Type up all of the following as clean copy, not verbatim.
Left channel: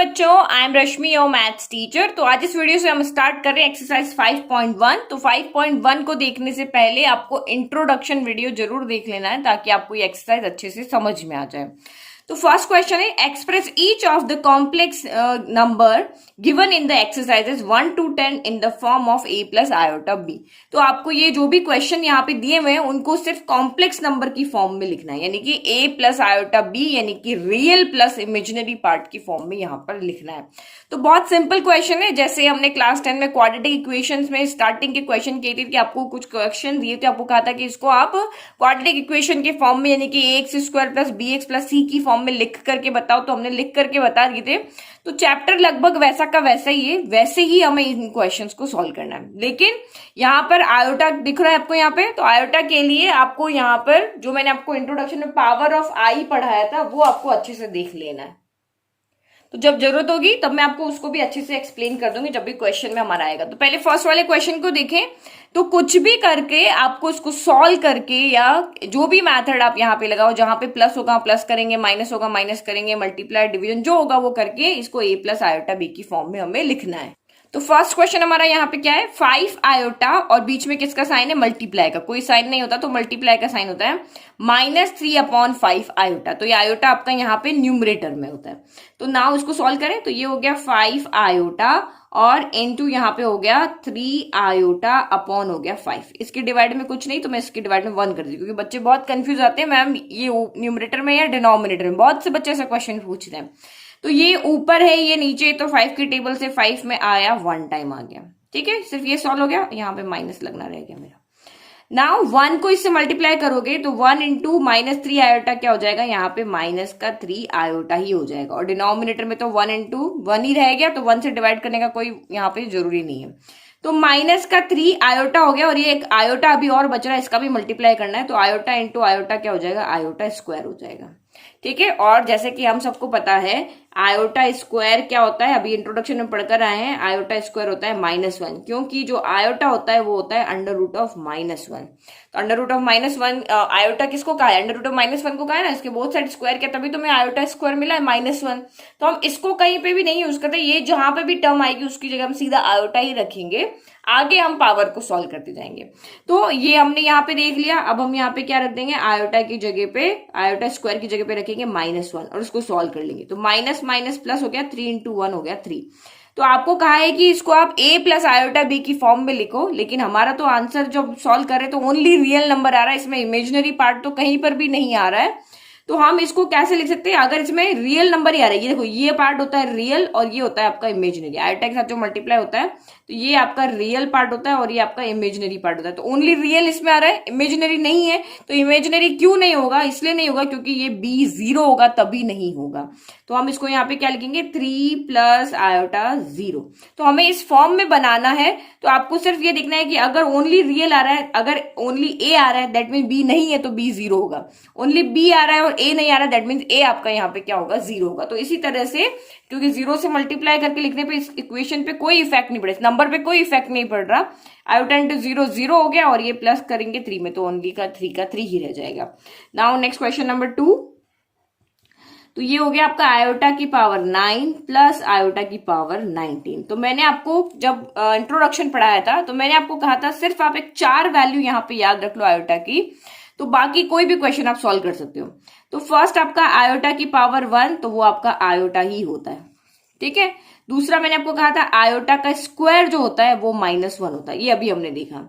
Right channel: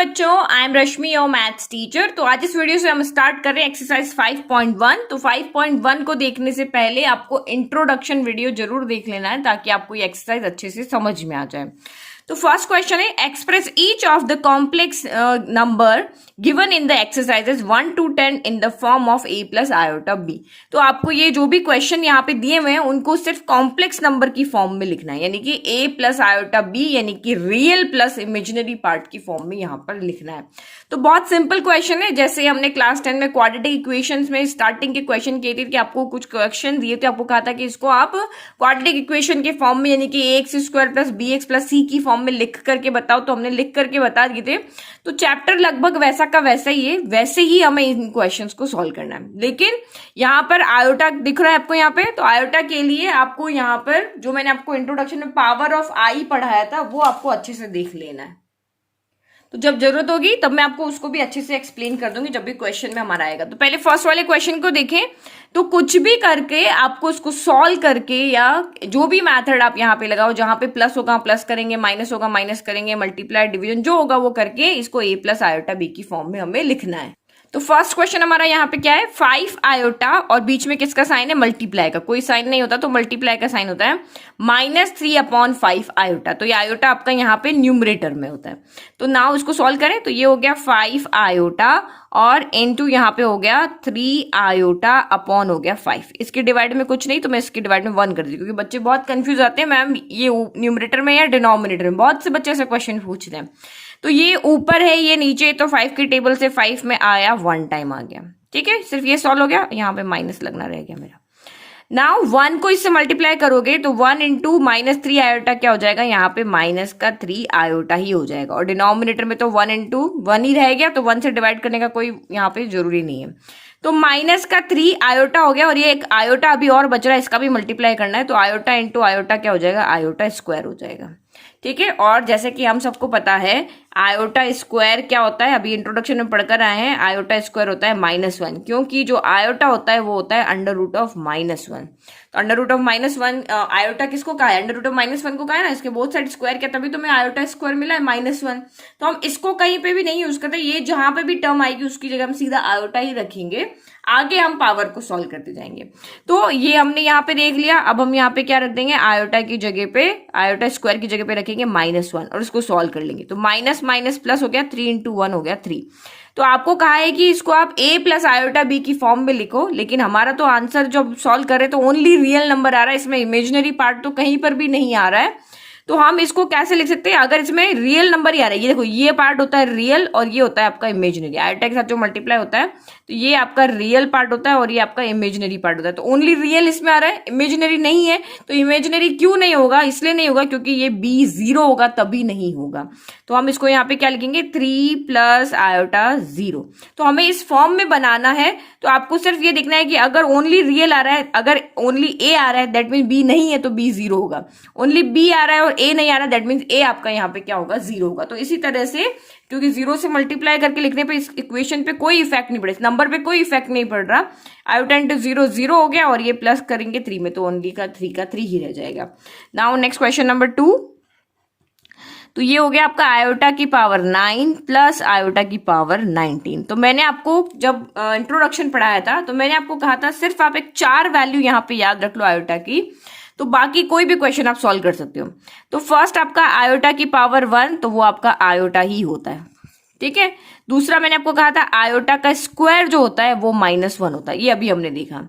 बच्चों, I am Rashmi your maths teacher. तो आज इस वीडियो से हम स्टार्ट कर रहे हैं एक्सरसाइज 5.1। तो 5.1 को देखने से पहले आपको इंट्रोडक्शन वीडियो जरूर देख लेना है ताकि आपको ये एक्सरसाइज अच्छे से समझ में आ जाए। तो फर्स्ट क्वेश्चन है, express each of the complex number given in the exercises 1 to 10 in the form of a plus iota b। तो आपको ये जो भी क्वेश्चन यहाँ पे दिए हुए हैं उनको सिर्फ कॉम्प्लेक्स नंबर की फॉर्म में लिखना है, यानी कि a प्लस आयोटा b यानी कि रियल प्लस इमेजिनरी पार्ट की फॉर्म में यहाँ पर लिखना है। तो बहुत सिंपल क्वेश्चन है, जैसे हमने क्लास 10 में क्वाड्रेटिक इक्वेशंस में स्टार्टिंग के क्वेश्चन किए थे कि आपको कुछ क्वेश्चन दिए थे, आपको कहा था कि इसको आप क्वाड्रेटिक इक्वेशन के फॉर्म में यानी कि ax square plus bx plus c की फॉर्म में लिख करके बताओ। तो हमने लिख करके बता दिए थे। तो चैप्टर लगभग वैसा का वैसा ही है, वैसे ही हमें इन क्वेश्चंस को सॉल्व करना है। लेकिन यहाँ पर आयोटा दिख रहा है आपको यहाँ पे, तो आयोटा के लिए आपको यहाँ पर जो मैंने आपको इंट्रोडक्शन में पावर ऑफ आई पढ़ाया था वो आपको अच्छे से देख लेना है। तो जब जरूरत होगी तब मैं आपको उसको भी अच्छे से एक्सप्लेन कर दूंगी जब भी क्वेश्चन में हमारा आएगा। तो पहले फर्स्ट वाले क्वेश्चन को देखें। तो कुछ भी करके आपको उसको सॉल्व करके या जो भी मेथड आप यहाँ पे लगाओ, जहां पे प्लस होगा प्लस करेंगे, माइनस होगा माइनस करेंगे, मल्टीप्लाई डिवीजन जो होगा वो करके इसको a प्लस आयोटा b की फॉर्म में हमें लिखना है। तो फर्स्ट क्वेश्चन हमारा यहाँ पे क्या है, 5 आयोटा और बीच में किसका साइन है, मल्टीप्लाई का। कोई साइन नहीं होता तो मल्टीप्लाई का साइन होता है -3/5 आयोटा। तो ये आयोटा आपका यहाँ पे न्यूमरेटर में होता है। तो नाउ इसको सॉल्व करें तो ये हो गया 5 आयोटा और इनटू यहाँ पे हो गया 3 आयोटा अपॉन हो गया 5। इसके डिवाइड में कुछ नहीं तो मैं इसके डिवाइड में 1 कर दी, क्योंकि बच्चे बहुत कंफ्यूज आते हैं मैम ये न्यूमरेटर में या डिनोमिनेटर में। बहुत से बच्चे ऐसे क्वेश्चन पूछते हैं। तो ये ऊपर है ये नीचे, तो 5 की टेबल से 5 में आया 1 टाइम आ गया। ठीक है, सिर्फ ये सॉल्व हो गया, यहाँ पे माइनस लगना रह गया मेरा। नाउ 1 को इससे मल्टीप्लाई करोगे तो 1 इंटू -3 आयोटा क्या हो जाएगा, यहाँ पे माइनस का 3 आयोटा ही हो जाएगा। और डिनोमिनेटर में तो 1 इंटू 1 ही रह गया, तो 1 से डिवाइड करने का कोई यहाँ पे जरूरी नहीं है। तो माइनस का 3 आयोटा हो गया और ये एक आयोटा अभी और बच रहा है, इसका भी मल्टीप्लाई करना है। तो आयोटा इंटू आयोटा क्या हो जाएगा, आयोटा स्क्वायर हो जाएगा। ठीक है, और जैसे कि हम सबको पता है आयोटा स्क्वायर क्या होता है, अभी इंट्रोडक्शन में पढ़कर आए हैं, आयोटा स्क्वायर होता है -1, क्योंकि जो आयोटा होता है वो होता है अंडर रूट ऑफ -1। तो अंडर रूट ऑफ -1 आयोटा किसको कहा है, अंडर रूट ऑफ -1 को कहा है ना, इसके बोथ साइड स्क्वायर किया तभी तुम्हें आयोटा स्क्वायर मिला है -1। तो हम इसको कहीं पे भी नहीं यूज करते, ये जहां पे भी टर्म आएगी उसकी जगह हम सीधा आयोटा ही रखेंगे, आगे हम पावर को सॉल्व करते जाएंगे। तो ये हमने यहाँ पे देख लिया। अब हम यहाँ पे क्या रख देंगे, आयोटा की जगह पे, आयोटा स्क्वायर की जगह पे रखेंगे -1 और इसको सॉल्व कर लेंगे। तो माइनस माइनस प्लस हो गया, 3 इंटू 1 हो गया 3। तो आपको कहा है कि इसको आप a प्लस आयोटा b की फॉर्म में लिखो, लेकिन हमारा तो आंसर जब सॉल्व कर रहे तो ओनली रियल नंबर आ रहा है, इसमें इमेजिनरी पार्ट तो कहीं पर भी नहीं आ रहा है। तो हम इसको कैसे लिख सकते हैं, अगर इसमें रियल नंबर ही आ रहा है, ये देखो ये पार्ट होता है रियल और ये होता है आपका इमेजिनरी, आयोटा के साथ जो मल्टीप्लाई होता है तो ये आपका रियल पार्ट होता है और ये आपका इमेजिनरी पार्ट होता है। तो ओनली रियल इसमें आ रहा है, इमेजिनरी नहीं है। तो इमेजिनरी क्यों नहीं होगा, इसलिए नहीं होगा क्योंकि ये b 0 होगा तभी नहीं होगा। तो हम इसको यहाँ पे क्या लिखेंगे, 3 प्लस आयोटा 0। तो हमें इस फॉर्म में बनाना है। तो आपको सिर्फ ये देखना है कि अगर ओनली रियल आ रहा है, अगर ओनली a आ रहा है दैट मीन b नहीं है तो b 0 होगा, ओनली b आ रहा है और a नहीं आ रहा है दैट मीन a आपका यहाँ पे क्या होगा, 0 होगा। तो इसी तरह से क्योंकि 0 से मल्टीप्लाई करके लिखने पे इस इक्वेशन पे कोई इफेक्ट नहीं पड़े, इस नंबर पे कोई इफेक्ट नहीं पड़ रहा। आयोटा इंटू 0 0 हो गया और ये प्लस करेंगे 3 में तो ओनली का 3 ही रह जाएगा। Now next question number 2। तो ये हो गया आपका आयोटा की पावर 9 प्लस आयोटा की पावर 19। तो मैंने आपको जब इंट्रोडक्शन पढ़ाया था तो मैंने आपको कहा था सिर्फ आप एक 4 वैल्यू यहाँ पे याद रख लो आयोटा की, तो बाकी कोई भी क्वेश्चन आप सॉल्व कर सकते हो। तो फर्स्ट आपका आयोटा की पावर 1, तो वो आपका आयोटा ही होता है। ठीक है, दूसरा मैंने आपको कहा था आयोटा का स्क्वायर जो होता है वो -1 होता है, ये अभी हमने देखा।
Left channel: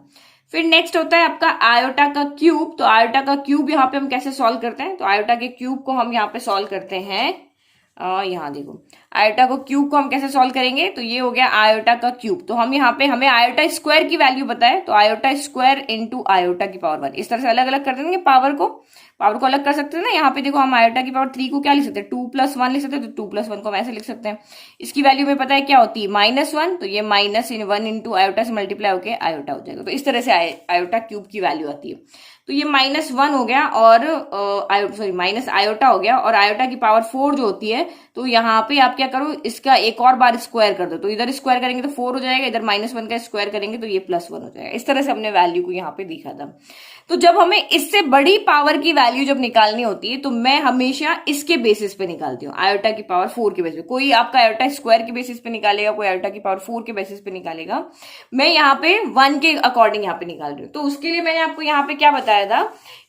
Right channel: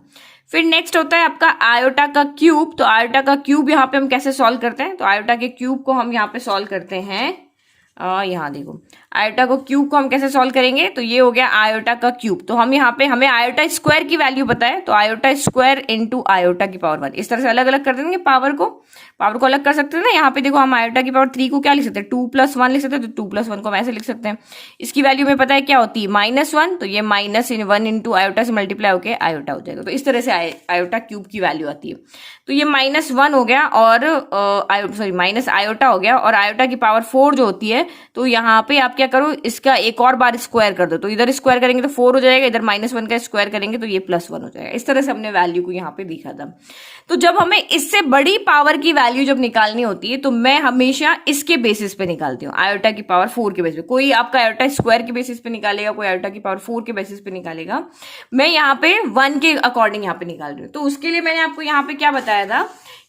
फिर नेक्स्ट होता है आपका आयोटा का क्यूब। तो आयोटा का क्यूब यहाँ पे हम कैसे सॉल्व करते हैं, तो आयोटा के क्यूब को हम यहाँ पे सॉल्व करते हैं। यहाँ देखो आयोटा को क्यूब को हम कैसे सॉल्व करेंगे, तो ये हो गया आयोटा का क्यूब। तो हम यहाँ पे हमें आयोटा स्क्वायर की वैल्यू पता है, तो आयोटा स्क्वायर इंटू आयोटा की पावर 1, इस तरह से अलग अलग कर देंगे। पावर को अलग कर सकते हैं ना। यहाँ पे देखो हम आयोटा की पावर 3 को क्या लिख सकते हैं, 2 + 1 लिख सकते हैं। तो 2 + 1 को हम ऐसे लिख सकते हैं। इसकी वैल्यू में पता है क्या होती है, -1, तो ये -1 इंटू आयोटा से मल्टीप्लाई होकर आयोटा हो जाएगा। तो इस तरह से आयोटा क्यूब की वैल्यू आती है। तो ये -1 हो गया और सॉरी माइनस आयोटा हो गया, और आयोटा की पावर 4 जो होती है तो यहाँ पे आप क्या करो, इसका एक और बार स्क्वायर कर दो, तो इधर स्क्वायर करेंगे तो 4 हो जाएगा, इधर -1 का स्क्वायर करेंगे तो ये +1 हो जाएगा। इस तरह से हमने वैल्यू को यहाँ पे लिखा था। तो जब हमें इससे बड़ी पावर की वैल्यू जब निकालनी होती है तो मैं हमेशा इसके बेसिस पे निकालती हूँ, आयोटा की पावर 4 के बेसिस पे। कोई आपका आयोटा स्क्वायर के बेसिस पे निकालेगा, कोई आयोटा की पावर 4 के बेसिस पे निकालेगा। मैं यहाँ पे 1 के अकॉर्डिंग यहाँ पे निकाल रही हूँ। तो उसके लिए मैंने आपको यहाँ पे क्या बताया था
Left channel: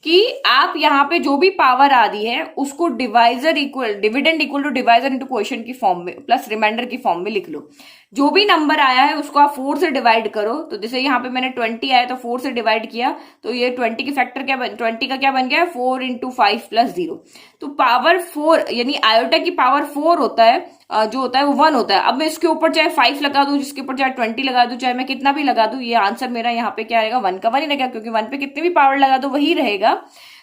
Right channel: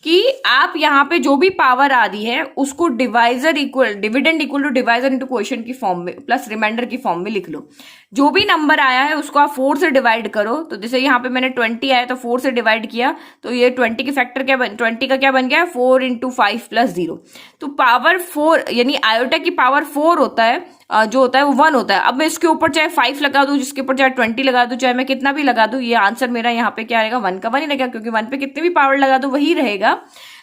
कि आप यहाँ पे जो भी पावर आ रही है उसको dividend equal to divisor into quotient की फॉर्म में प्लस रिमाइंडर की फॉर्म में लिख लो। जो भी नंबर आया है उसको आप 4 से डिवाइड करो। तो जैसे यहाँ पे मैंने 20 आया तो 4 से डिवाइड किया, तो ये 20 के फैक्टर 20 का क्या बन गया, 4 इंटू 5 प्लस 0। तो पावर 4 यानी आयोटा की पावर 4 होता है, जो होता है वो 1 होता है। अब मैं इसके ऊपर चाहे 5 लगा दूं, जिसके ऊपर चाहे 20 लगा दूं, चाहे मैं कितना भी लगा दूं, ये आंसर मेरा यहाँ पे क्या आएगा, 1 का 1 ही रहेगा, क्योंकि 1 पे कितने भी पावर लगा दो वही रहेगा।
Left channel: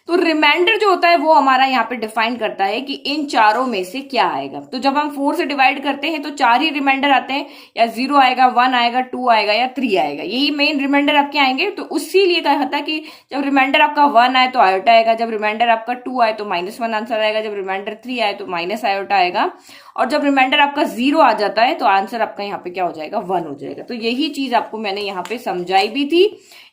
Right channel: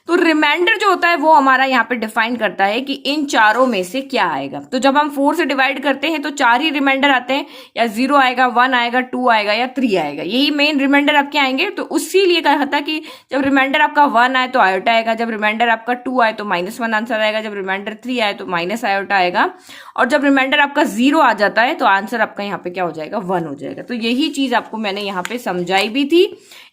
तो रिमाइंडर जो होता है वो हमारा यहाँ पे डिफाइन करता है कि इन चारों में से क्या आएगा। तो जब हम 4 से डिवाइड करते हैं तो 4 ही रिमाइंडर आते हैं, या 0 आएगा, 1 आएगा, 2 आएगा या 3 आएगा, यही मेन रिमाइंडर आपके आएंगे। तो उसी लिए कहा था कि जब रिमाइंडर आपका 1 आए तो आयोटा आएगा, जब रिमाइंडर आपका 2 आए तो -1 आंसर आएगा, जब रिमाइंडर 3 आए तो माइनस आयोटा आएगा, और जब रिमाइंडर आपका 0 आ जाता है तो आंसर आपका यहाँ पे क्या हो जाएगा, 1 हो जाएगा। तो यही चीज आपको मैंने यहाँ पे समझाई भी थी,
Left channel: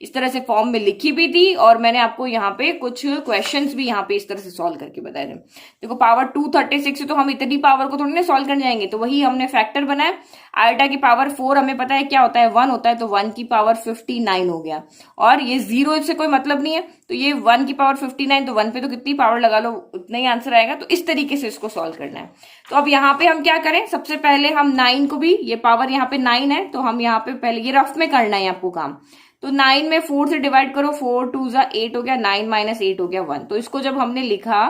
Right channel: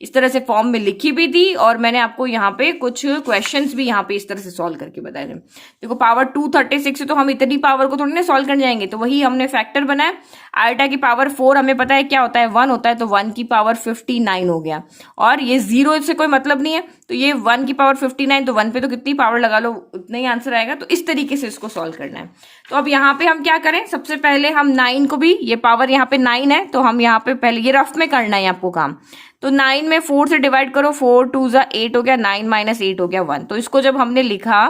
इस तरह से फॉर्म में लिखी भी थी, और मैंने आपको यहाँ पे कुछ क्वेश्चंस भी यहाँ पे इस तरह से सॉल्व करके बताए थे। देखो पावर 236 है तो हम इतनी पावर को थोड़ी ना सॉल्व कर जाएंगे, तो वही हमने फैक्टर बनाया। आयोटा की पावर 4 हमें पता है क्या होता है, 1 होता है, तो 1 की पावर 59 हो गया, और ये 0 से कोई मतलब नहीं है, तो ये 1 की पावर 59, तो 1 पे तो कितनी पावर लगा लो उतना ही आंसर आएगा। तो इस तरीके से इसको सॉल्व करना है। तो अब यहाँ पे हम क्या करें, सबसे पहले हम 9 को भी, ये पावर यहाँ पे 9 है तो हम यहाँ पे पहले ये रफ में करना है आपको काम। तो 9 में 4 से डिवाइड करो, 4 2 जा 8 हो गया, 9 माइनस 8 हो गया 1। तो इसको जब हमने लिखा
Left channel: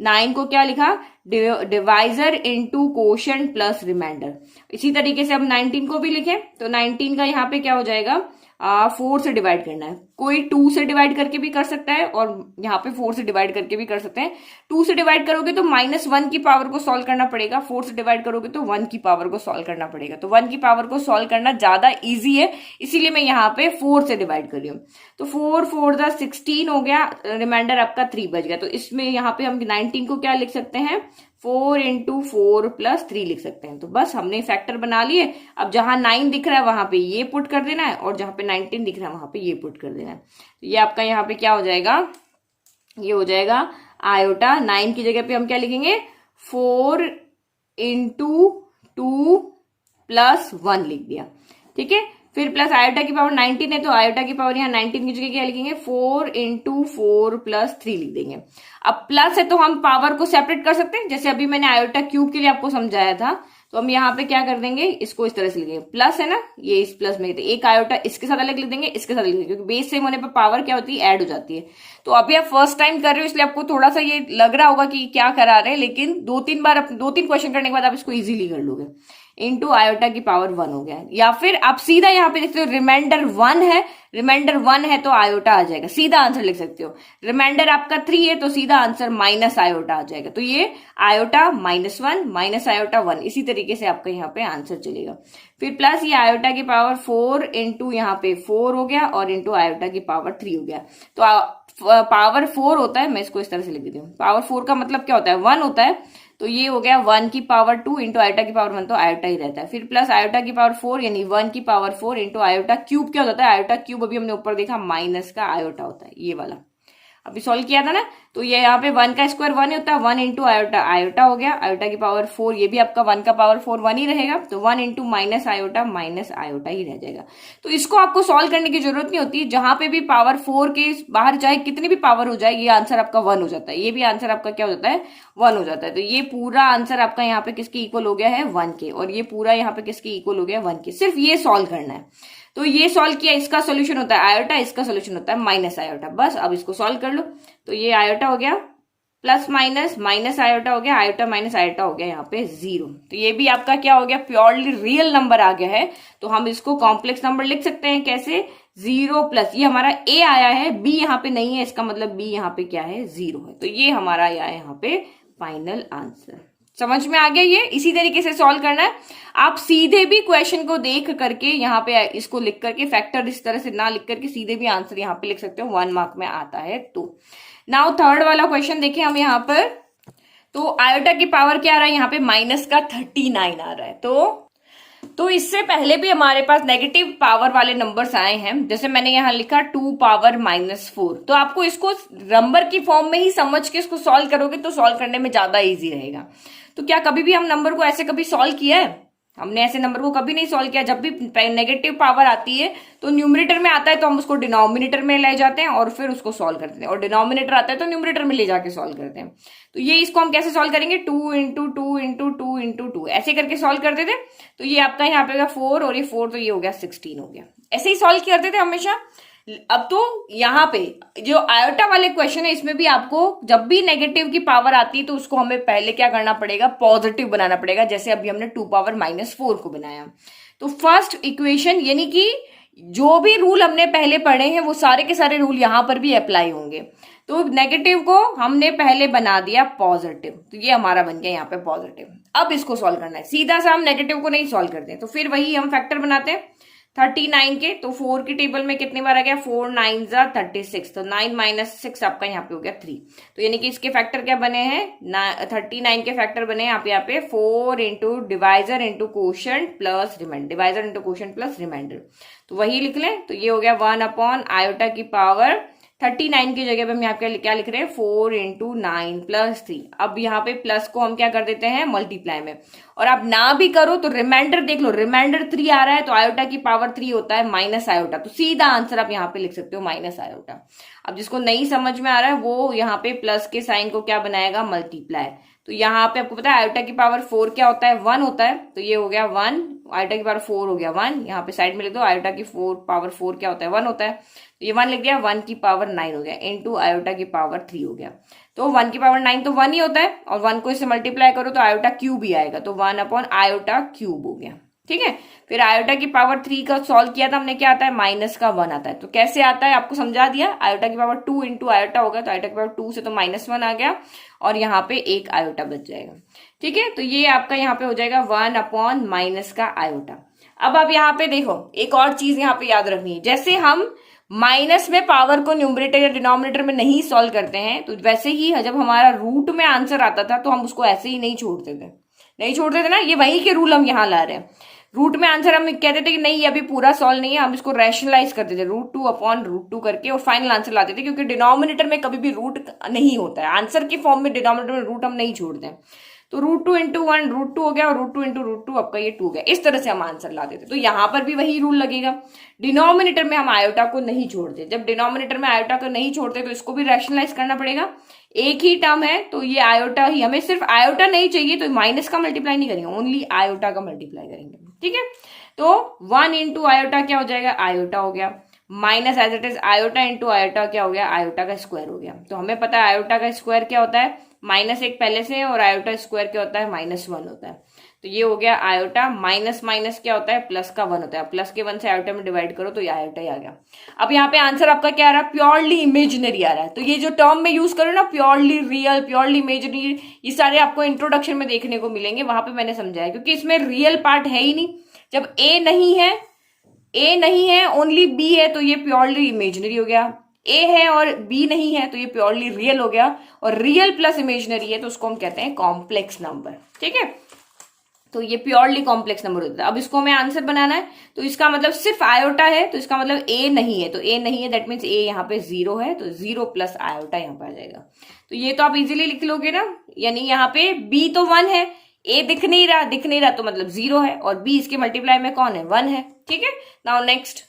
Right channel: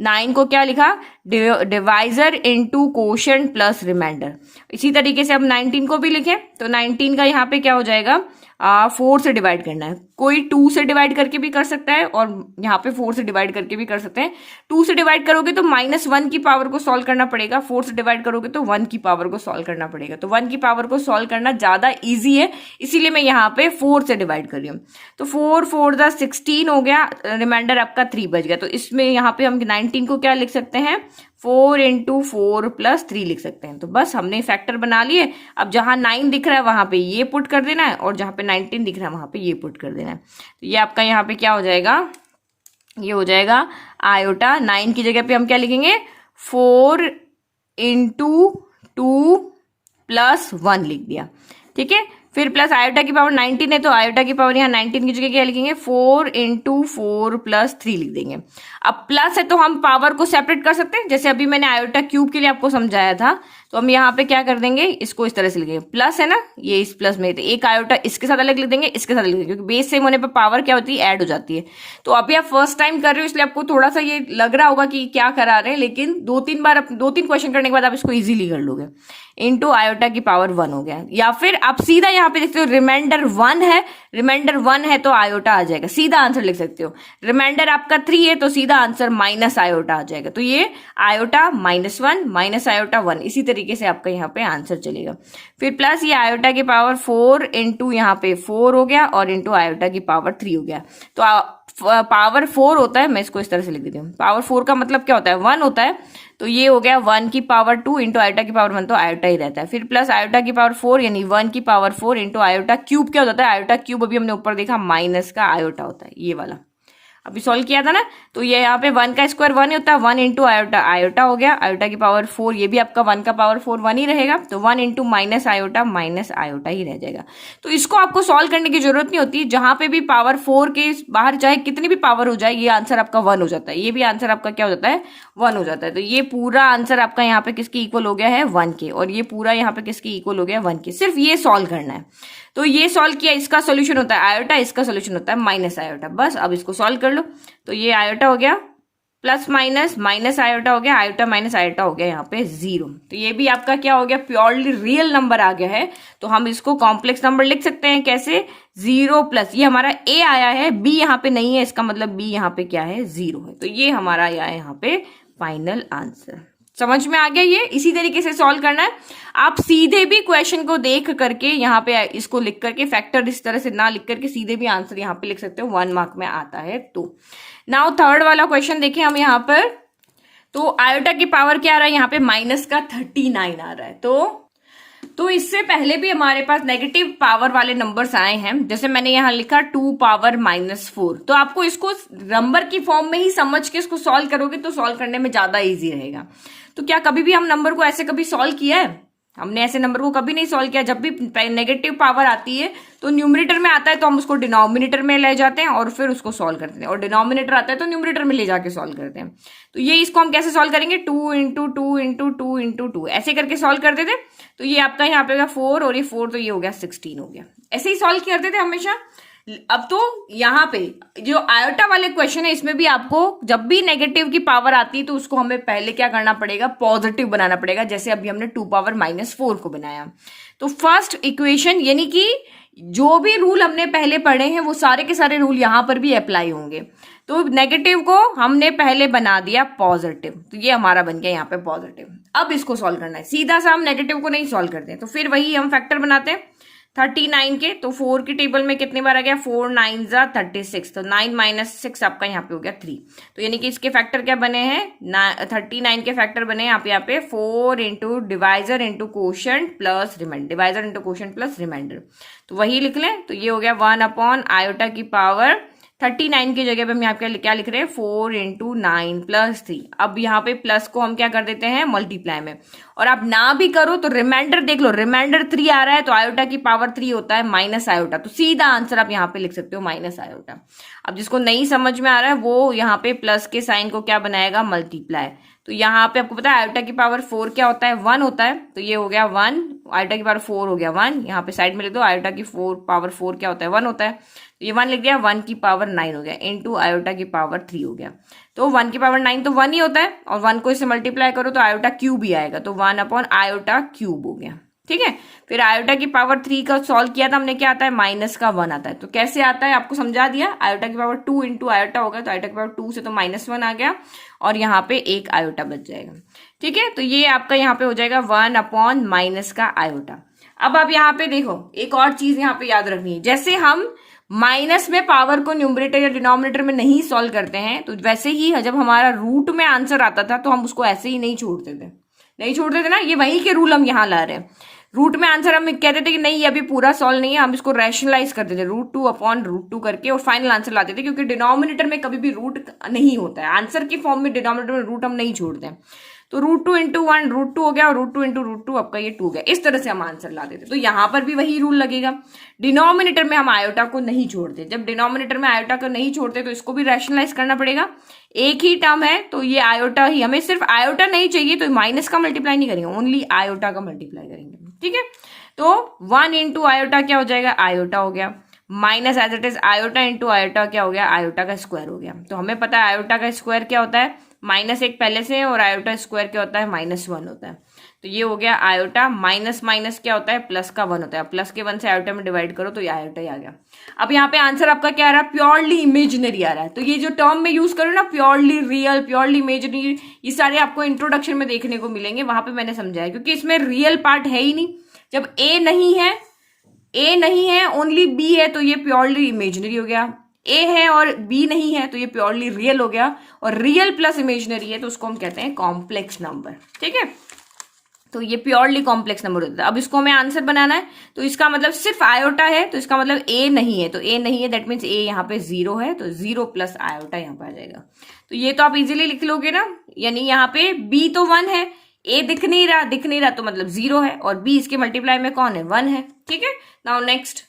9 को क्या लिखा, divisor into quotient plus reminder. इसी तरीके से अब 19 को भी लिखें, तो 19 का यहाँ पे क्या हो जाएगा, 4 से डिवाइड करना है। कोई 2 से डिवाइड करके भी कर सकता है, और यहाँ पे 4 से डिवाइड करके भी कर सकते हैं। 2 से डिवाइड करोगे तो -1 की पावर को सॉल्व करना पड़ेगा, 4 से डिवाइड करोगे तो 1 की पावर को सॉल्व करना पड़ेगा। तो 1 की पावर को सॉल्व करना ज्यादा इजी है, इसीलिए मैं यहाँ पे 4 से डिवाइड कर रही हूँ। तो 4 4 जा 16 हो गया, रिमाइंडर आपका 3 बच गया। तो इसमें यहाँ पे हम 19 को क्या लिख सकते हैं, 4 इंटू 4 प्लस 3 लिख सकते हैं। तो बस हमने फैक्टर बना लिए। अब जहां 9 दिख रहा है वहां पे ये पुट कर देना है, और जहां पे 19 दिख रहा है वहां पे ये पुट कर देना है। तो ये आपका यहाँ पे क्या हो जाएगा, ये हो जाएगा आयोटा। 9 की जगह पे हम क्या लिखेंगे, 4 इंटू 2 प्लस 1 लिख दिया, ठीक है। फिर प्लस आयोटा की पावर 19 है, तो आयोटा की पावर यहाँ 19 की जगह क्या लिखेंगे, 4 इंटू 4 प्लस 3 लिख देंगे। अब प्लस है तो हम पावर को सेपरेट कर सकते हैं, जैसे अभी मैंने आयोटा क्यूब के लिए आपको समझाया था। तो हम यहाँ पे क्या कर देंगे, इसको इस तरह से लिखेंगे, प्लस है ना, ये इस प्लस में, तो एक आयोटा इसके साथ अलग लिख देंगे, इसके साथ अलग लिख देंगे, क्योंकि बेस सेम होने पे पावर क्या होती है, ऐड हो जाती है। तो अभी आप फर्स्ट टाइम कर रहे हो इसलिए आपको थोड़ा सा ये लग रहा होगा कि क्या करा रहे हैं, लेकिन 2-3 क्वेश्चन करने के बाद आप इसको इजीली कर लोगे। इंटू आयोटा की पावर 1 हो गया, या फिर आप सीधा यहाँ पे देखते हो रिमाइंडर 1 है, रिमाइंडर 1 है तो आयोटा आ जाएगा, सीधा आंसर लिख सकते हो। रिमाइंडर आपका 3 है तो सीधा आंसर माइनस आयोटा आ जाएगा। तो ये आयोटा -1 माइनस आयोटा 1, इसी तरीके से आपका यहाँ पे आंसर चलेगा। फिर प्लस ये आयोटा की पावर 4 इंटू यहाँ पे 4 हो गया, और इंटू आयोटा की पावर 3 हो गया। तो पावर 4 होता है, मैं इसको इस तरह से लिख देती हूँ, पावर 4 का मतलब क्या होता है, 1 होता है। तो ये हो गया 1 की पावर 2 इंटू आयोटा की पावर 1, तो आयोटा ही रहता है। फिर प्लस आयोटा की पावर 4 यानी 1 की पावर 4 इंटू आयोटा क्यूब क्या हो जाता है, आयोटा क्यूब अभी हमने ऊपर देखा माइनस का आयोटा होता है, ये वाला अभी सॉल्व किया था ना। तो ये यहाँ पे 1 का स्क्वायर 1 ही होता है, 1 इंटू आयोटा, आयोटा हो गया, आयोटा की पावर 4, ये भी आपका 1 का पावर 4 1 ही रहेगा, तो 1 इंटू माइनस आयोटा ही रह जाएगा। तो इसको आपको सॉल्व करने की जरूरत नहीं होती, जहां पे भी पावर 4 के बाहर चाहे कितनी भी पावर हो जाए, ये आंसर आपका 1 हो जाता है, ये भी आंसर आपका क्या हो जाता है, 1 हो जाता है। तो ये पूरा आंसर आपका यहाँ पे किसके इक्वल हो गया है, 1 के, और ये पूरा यहाँ पे किसके इक्वल हो गया, 1 के। सिर्फ ये सॉल्व करना है। तो ये सॉल्व किया, इसका सोल्यूशन होता है आयोटा, इसका सोल्यूशन होता है माइनस आयोटा। बस अब इसको सॉल्व कर लो। तो ये आयोटा हो गया प्लस माइनस आयोटा हो गया, आयोटा माइनस आयोटा हो गया यहाँ पे 0। तो ये भी आपका क्या हो गया, प्योरली रियल नंबर आ गया है। तो हम इसको कॉम्प्लेक्स नंबर लिख सकते हैं कैसे, 0 प्लस ये हमारा a आया है, b यहाँ पे नहीं है, इसका मतलब b यहाँ पे क्या है, 0 है। तो ये हमारा आया यहाँ पे फाइनल आंसर। समझ में आ गया, ये इसी तरीके से सॉल्व करना है। आप सीधे भी क्वेश्चन को देख करके यहाँ पे इसको लिख करके, फैक्टर इस तरह से ना लिख करके सीधे भी आंसर यहाँ पे लिख सकते हो, 1 मार्क में आता है। तो नाउ थर्ड वाला क्वेश्चन देखें हम यहाँ पर। तो आयोटा की पावर क्या आ रहा है यहाँ पे, माइनस का 39 आ रहा है। तो इससे पहले भी हमारे पास नेगेटिव पावर वाले नंबर्स आए हैं, जैसे मैंने यहाँ लिखा 2 पावर -4। तो आपको इसको नंबर की फॉर्म में ही समझ के इसको सॉल्व करोगे तो सॉल्व करने में ज्यादा इजी रहेगा। तो क्या कभी भी हम नंबर को ऐसे कभी सॉल्व किया है? हमने ऐसे नंबर को कभी नहीं सॉल्व किया। जब भी नेगेटिव पावर आती है तो न्यूमरेटर में आता है तो हम उसको डिनोमिनेटर में ले जाते हैं और फिर उसको सॉल्व करते हैं, और डिनोमिनेटर आता है तो न्यूमरेटर में ले जाके सॉल्व करते हैं। तो ये इसको हम कैसे सॉल्व करेंगे, 2 इंटू 2 इंटू 2 इंटू 2 ऐसे करके सॉल्व करते थे। तो ये आपका यहाँ पे होगा 4 और ये 4 तो ये हो गया 16 हो गया। ऐसे ही सॉल्व करते थे हमेशा। अब तो यहाँ पे जो आयोटा वाले क्वेश्चन है इसमें भी आपको जब भी नेगेटिव की पावर आती है तो उसको हमें पहले क्या करना पड़ेगा, पॉजिटिव बनाना पड़ेगा। जैसे अभी हमने 2 पावर -4 को बनाया। तो फर्स्ट इक्वेशन यानी कि जो भी रूल हमने पहले पढ़े हैं वो सारे के सारे रूल यहां पर भी अप्लाई होंगे। तो नेगेटिव को हमने पहले बना दिया पॉजिटिव, तो ये हमारा बन गया यहाँ पे पॉजिटिव। अब इसको सॉल्व करना है, सीधा सा हम नेगेटिव को नहीं सॉल्व करते, तो फिर वही हम फैक्टर बनाते हैं 39 के। तो 4 की टेबल में कितनी बार आ गया, 4 9 जा 36, तो 9 - 6 आपका यहाँ पे हो गया 3। तो यानी कि इसके फैक्टर क्या बने हैं, 39 के फैक्टर बने यहाँ पे 4 into divisor into quotient plus reminder, divisor into quotient plus reminder. तो वही लिख लें, तो ये हो गया 1 अपॉन आयोटा की पावर 39 की जगह पे हम यहाँ पे क्या लिख रहे हैं, 4 इंटू 9 प्लस 3। अब यहाँ पे प्लस को हम क्या कर देते हैं, मल्टीप्लाई में। और आप ना भी करो तो रिमाइंडर देख लो, रिमाइंडर 3 आ रहा है तो आयोटा की पावर 3 होता है माइनस आयोटा, तो सीधा आंसर आप यहाँ पे लिख सकते हो माइनस आयोटा। अब जिसको नहीं समझ में आ रहा है वो यहाँ पे प्लस के साइन को क्या बनाएगा, मल्टीप्लाई। तो यहाँ पे आपको पता है आयोटा की पावर 4 क्या होता है, 1 होता है। तो ये हो गया 1, आयोटा की पावर 4 हो गया 1। यहाँ पे साइड में लिख दो, आयोटा की पावर 4 क्या होता है, 1 होता है। तो ये 1 लिख दिया, 1 की पावर 9 हो गया इंटू आयोटा की पावर 3 हो गया। तो 1 की पावर 9 तो 1 ही होता है, और 1 को इससे मल्टीप्लाई करो तो आयोटा क्यूब ही आएगा, तो 1 अपॉन आयोटा क्यूब हो गया। ठीक है, फिर आयोटा की पावर 3 का सॉल्व किया था हमने, क्या आता है, माइनस का 1 आता है। तो कैसे आता है आपको समझा दिया, आयोटा की पावर 2 इंटू आयोटा होगा, तो आयोटा की पावर 2 से तो -1 आ गया, और यहाँ पे एक आयोटा बच जाएगा। ठीक है, तो ये आपका यहाँ पे हो जाएगा 1 अपॉन माइनस का आयोटा। अब आप यहाँ पे देखो, एक और चीज यहाँ पे याद रखनी है, जैसे हम माइनस में पावर को न्यूमरेटर या डिनोमिनेटर में नहीं सॉल्व करते हैं, तो वैसे ही जब हमारा रूट में आंसर आता था तो हम उसको ऐसे ही नहीं छोड़ते थे ना, ये वही के रूल हम यहाँ ला रहे हैं। रूट में आंसर हम कहते थे कि नहीं ये अभी पूरा सॉल्व नहीं है, हम इसको रैशनलाइज करते थे √2 अपॉन √2 करके, और फाइनल आंसर लाते थे, क्योंकि डिनोमिनेटर में कभी भी रूट नहीं होता है, आंसर की फॉर्म में डिनोमिनेटर में रूट हम नहीं छोड़ते हैं। तो √2 इंटू 1 √2 हो गया, और √2 इंटू √2 आपका ये 2 गया। इस तरह से हम आंसर लाते थे। तो यहाँ पर भी वही रूल लगेगा, डिनोमिनेटर में हम आयोटा को नहीं छोड़ते। जब डिनोमिनेटर में आयोटा को नहीं छोड़ते तो इसको भी रैशनलाइज करना पड़ेगा। एक ही टर्म है तो ये आयोटा ही, हमें सिर्फ आयोटा नहीं चाहिए तो माइनस का मल्टीप्लाई नहीं करेंगे, ओनली आयोटा का मल्टीप्लाई करेंगे। ठीक है, तो 1 इंटू आयोटा क्या हो जाएगा, आयोटा हो गया, minus as it is iota into iota क्या हो गया, आयोटा का स्क्वायर हो गया। तो हमें पता है आयोटा का स्क्वायर क्या होता है, -1 पहले से, और आयोटा स्क्वायर क्या होता है, -1 होता है। तो ये हो गया आयोटा, माइनस माइनस क्या होता है, प्लस का 1 होता है, प्लस के 1 से आयोटा में डिवाइड करो तो ये आयोटा ही आ गया। अब यहाँ पे आंसर आपका क्या आ रहा है, प्योरली इमेजिनरी आ रहा है। तो ये जो टर्म में यूज करो ना, प्योरली रियल, प्योरली इमेजिनरी, ये सारे आपको इंट्रोडक्शन में देखने को मिलेंगे, वहां पे मैंने समझाया, क्योंकि इसमें रियल पार्ट है ही नहीं। जब ए नहीं है ओनली बी है तो ये प्योरली इमेजिनरी हो गया, ए है और बी नहीं है तो ये प्योरली रियल हो गया, और रियल प्लस इमेजिनरी है तो उसको हम कहते हैं कॉम्प्लेक्स नंबर। ठीक है, तो ये प्योरली कॉम्प्लेक्स नंबर होता है। अब इसको हमें आंसर बनाना है, तो इसका मतलब सिर्फ आयोटा है, तो इसका मतलब ए नहीं है, तो ए नहीं है दैट मीन्स ए यहाँ पे 0 है, तो 0 प्लस आयोटा यहाँ पे आ जाएगा। तो ये तो आप इजीली लिख लोगे ना, यानी यहाँ पे बी तो 1 है, ए दिख नहीं रहा तो मतलब 0 है, और बी इसके मल्टीप्लाई में कौन है, 1 है। ठीक है, now next,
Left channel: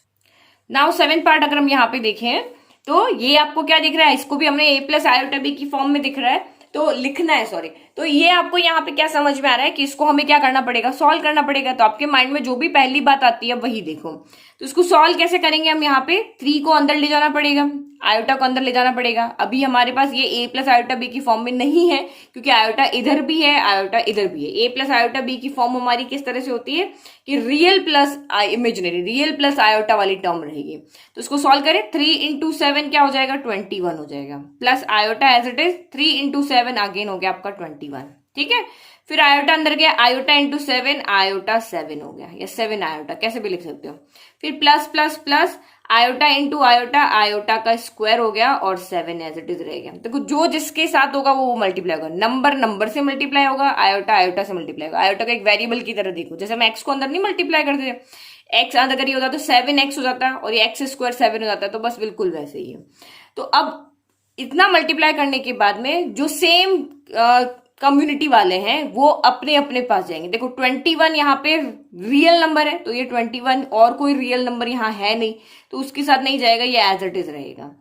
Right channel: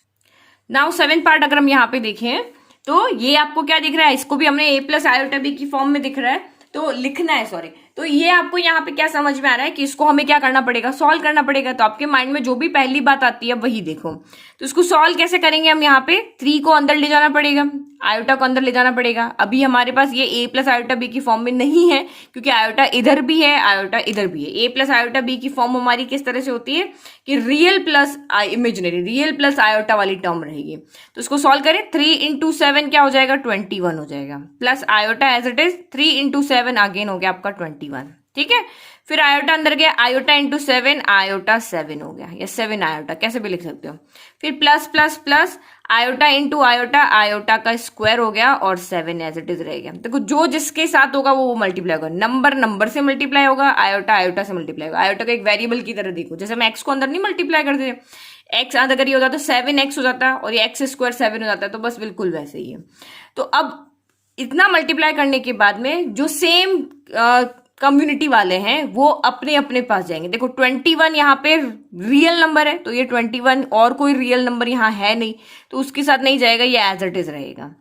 now 7th part अगर हम यहाँ पे देखें तो ये आपको क्या दिख रहा है, इसको भी हमने ए प्लस आयोटा बी की फॉर्म में दिख रहा है, तो लिखना है, सॉरी। तो ये आपको यहाँ पे क्या समझ में आ रहा है कि इसको हमें क्या करना पड़ेगा, सॉल्व करना पड़ेगा। तो आपके माइंड में जो भी पहली बात आती है वही देखो। तो इसको सॉल्व कैसे करेंगे, हम यहाँ पे 3 को अंदर ले जाना पड़ेगा, आयोटा को अंदर ले जाना पड़ेगा। अभी हमारे पास ये ए प्लस आयोटा बी की फॉर्म में नहीं है, क्योंकि आयोटा इधर भी है, आयोटा इधर भी है। ए प्लस आयोटा बी की फॉर्म हमारी किस तरह से होती है कि real plus imaginary, real plus iota वाली टर्म रहेगी। तो इसको सॉल्व करें, 3 इंटू 7 क्या हो जाएगा, 21 हो जाएगा, plus iota as it is 3 into 7 again हो गया आपका 21। ठीक है, फिर आयोटा अंदर गया, आयोटा इंटू 7, आयोटा 7 हो गया, या 7 आयोटा कैसे भी लिख सकते हो। फिर plus plus plus iota into iota, iota का स्क्वायर हो गया और 7 एज इट इज रह गया। देखो जो जिसके साथ होगा वो मल्टीप्लाई होगा, नंबर नंबर से मल्टीप्लाई होगा, आयोटा आयोटा से मल्टीप्लाई होगा। आयोटा को एक वेरिएबल की तरह देखो, जैसे हम एक्स को अंदर नहीं मल्टीप्लाई करते, एक्स अगर ये होता तो 7x हो जाता और ये एक्स स्क्वायर 7 हो जाता, तो बस बिल्कुल वैसे ही है। तो अब इतना मल्टीप्लाई करने के बाद में जो सेम कम्युनिटी वाले हैं वो अपने अपने पास जाएंगे। देखो 21 यहाँ पे रियल नंबर है, तो ये 21 और कोई रियल नंबर यहाँ है नहीं, तो उसके साथ नहीं जाएगा, ये एज इट इज रहेगा।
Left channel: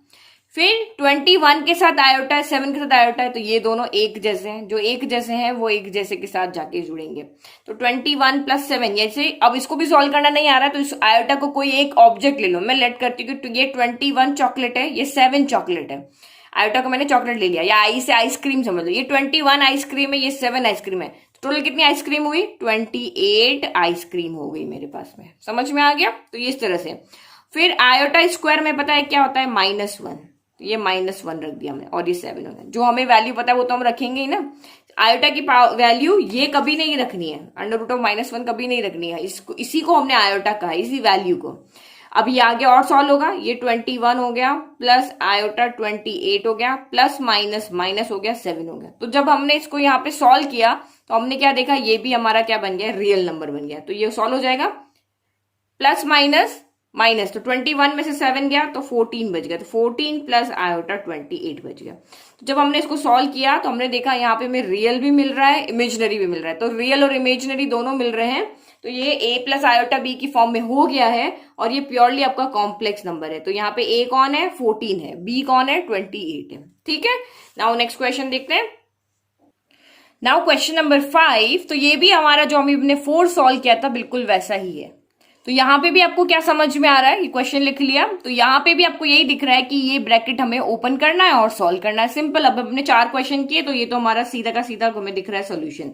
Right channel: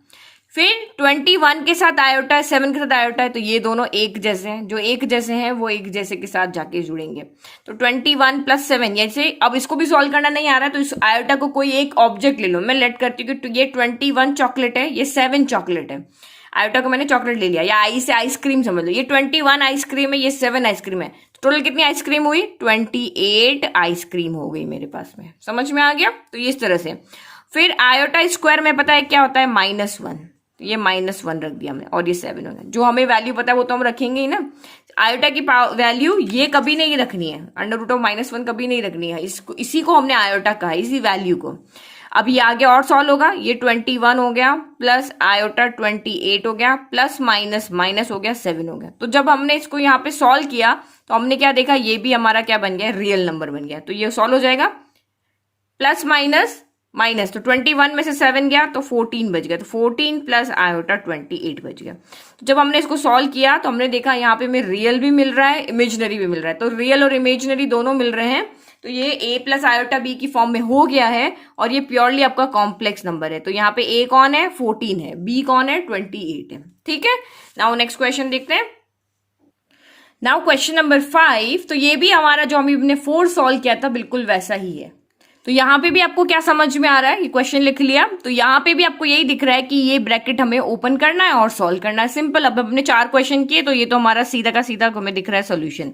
फिर 21 के साथ आयोटा है, 7 के साथ आयोटा है, तो ये दोनों एक जैसे हैं, जो एक जैसे हैं वो एक जैसे के साथ जाके जुड़ेंगे। तो 21 प्लस 7, जैसे अब इसको भी सॉल्व करना नहीं आ रहा तो इस आयोटा को कोई एक ऑब्जेक्ट ले लो। मैं लेट करती हूँ कि ये 21 चॉकलेट है, ये 7 चॉकलेट है। आयोटा को मैंने चॉकलेट ले लिया, या आई से आइसक्रीम समझ लो, ये 21 आइसक्रीम है, ये 7 आइसक्रीम है। टोटल कितनी आइसक्रीम हुई? 28 आइसक्रीम हो गई मेरे पास में। समझ में आ गया? तो ये इस तरह से। फिर आयोटा स्क्वायर में पता है क्या होता है? -1, तो ये -1 रख दिया हमने, और ये 7 होगा। जो हमें वैल्यू पता है वो तो हम रखेंगे ही ना। आयोटा की वैल्यू ये कभी नहीं रखनी है, √-1 कभी नहीं रखनी है, इसको इसी को हमने आयोटा कहा, इसी वैल्यू को। अब ये आगे और सॉल्व होगा, ये 21 हो गया प्लस आयोटा 28 हो गया, प्लस माइनस माइनस हो गया 7 हो गया। तो जब हमने इसको यहाँ पे सॉल्व किया तो हमने क्या देखा, ये भी हमारा क्या बन गया? रियल नंबर बन गया। तो ये सॉल्व हो जाएगा, प्लस माइनस माइनस, तो 21 में से 7 गया तो 14 बच गया, तो 14 प्लस आयोटा 28 बच गया। तो जब हमने इसको सॉल्व किया तो हमने देखा यहाँ पे हमें रियल भी मिल रहा है, इमेजिनरी भी मिल रहा है। तो रियल और इमेजिनरी दोनों मिल रहे हैं, तो ये a प्लस आयोटा b की फॉर्म में हो गया है, और ये प्योरली आपका कॉम्प्लेक्स नंबर है। तो यहाँ पे a कौन है? 14 है, b कौन है? 28 है। ठीक है, नाउ नेक्स्ट क्वेश्चन देखते हैं। नाउ क्वेश्चन नंबर 5, तो ये भी हमारा जो हमने 4 सॉल्व किया था बिल्कुल वैसा ही है। तो यहाँ पे भी आपको क्या समझ में आ रहा है? ये क्वेश्चन लिख लिया, तो यहाँ पे भी आपको यही दिख रहा है कि ये ब्रैकेट हमें ओपन करना है और सॉल्व करना है। सिंपल। अब हमने 4 क्वेश्चन किए, तो ये तो हमारा सीधा का सीधा हमें दिख रहा है सोल्यूशन।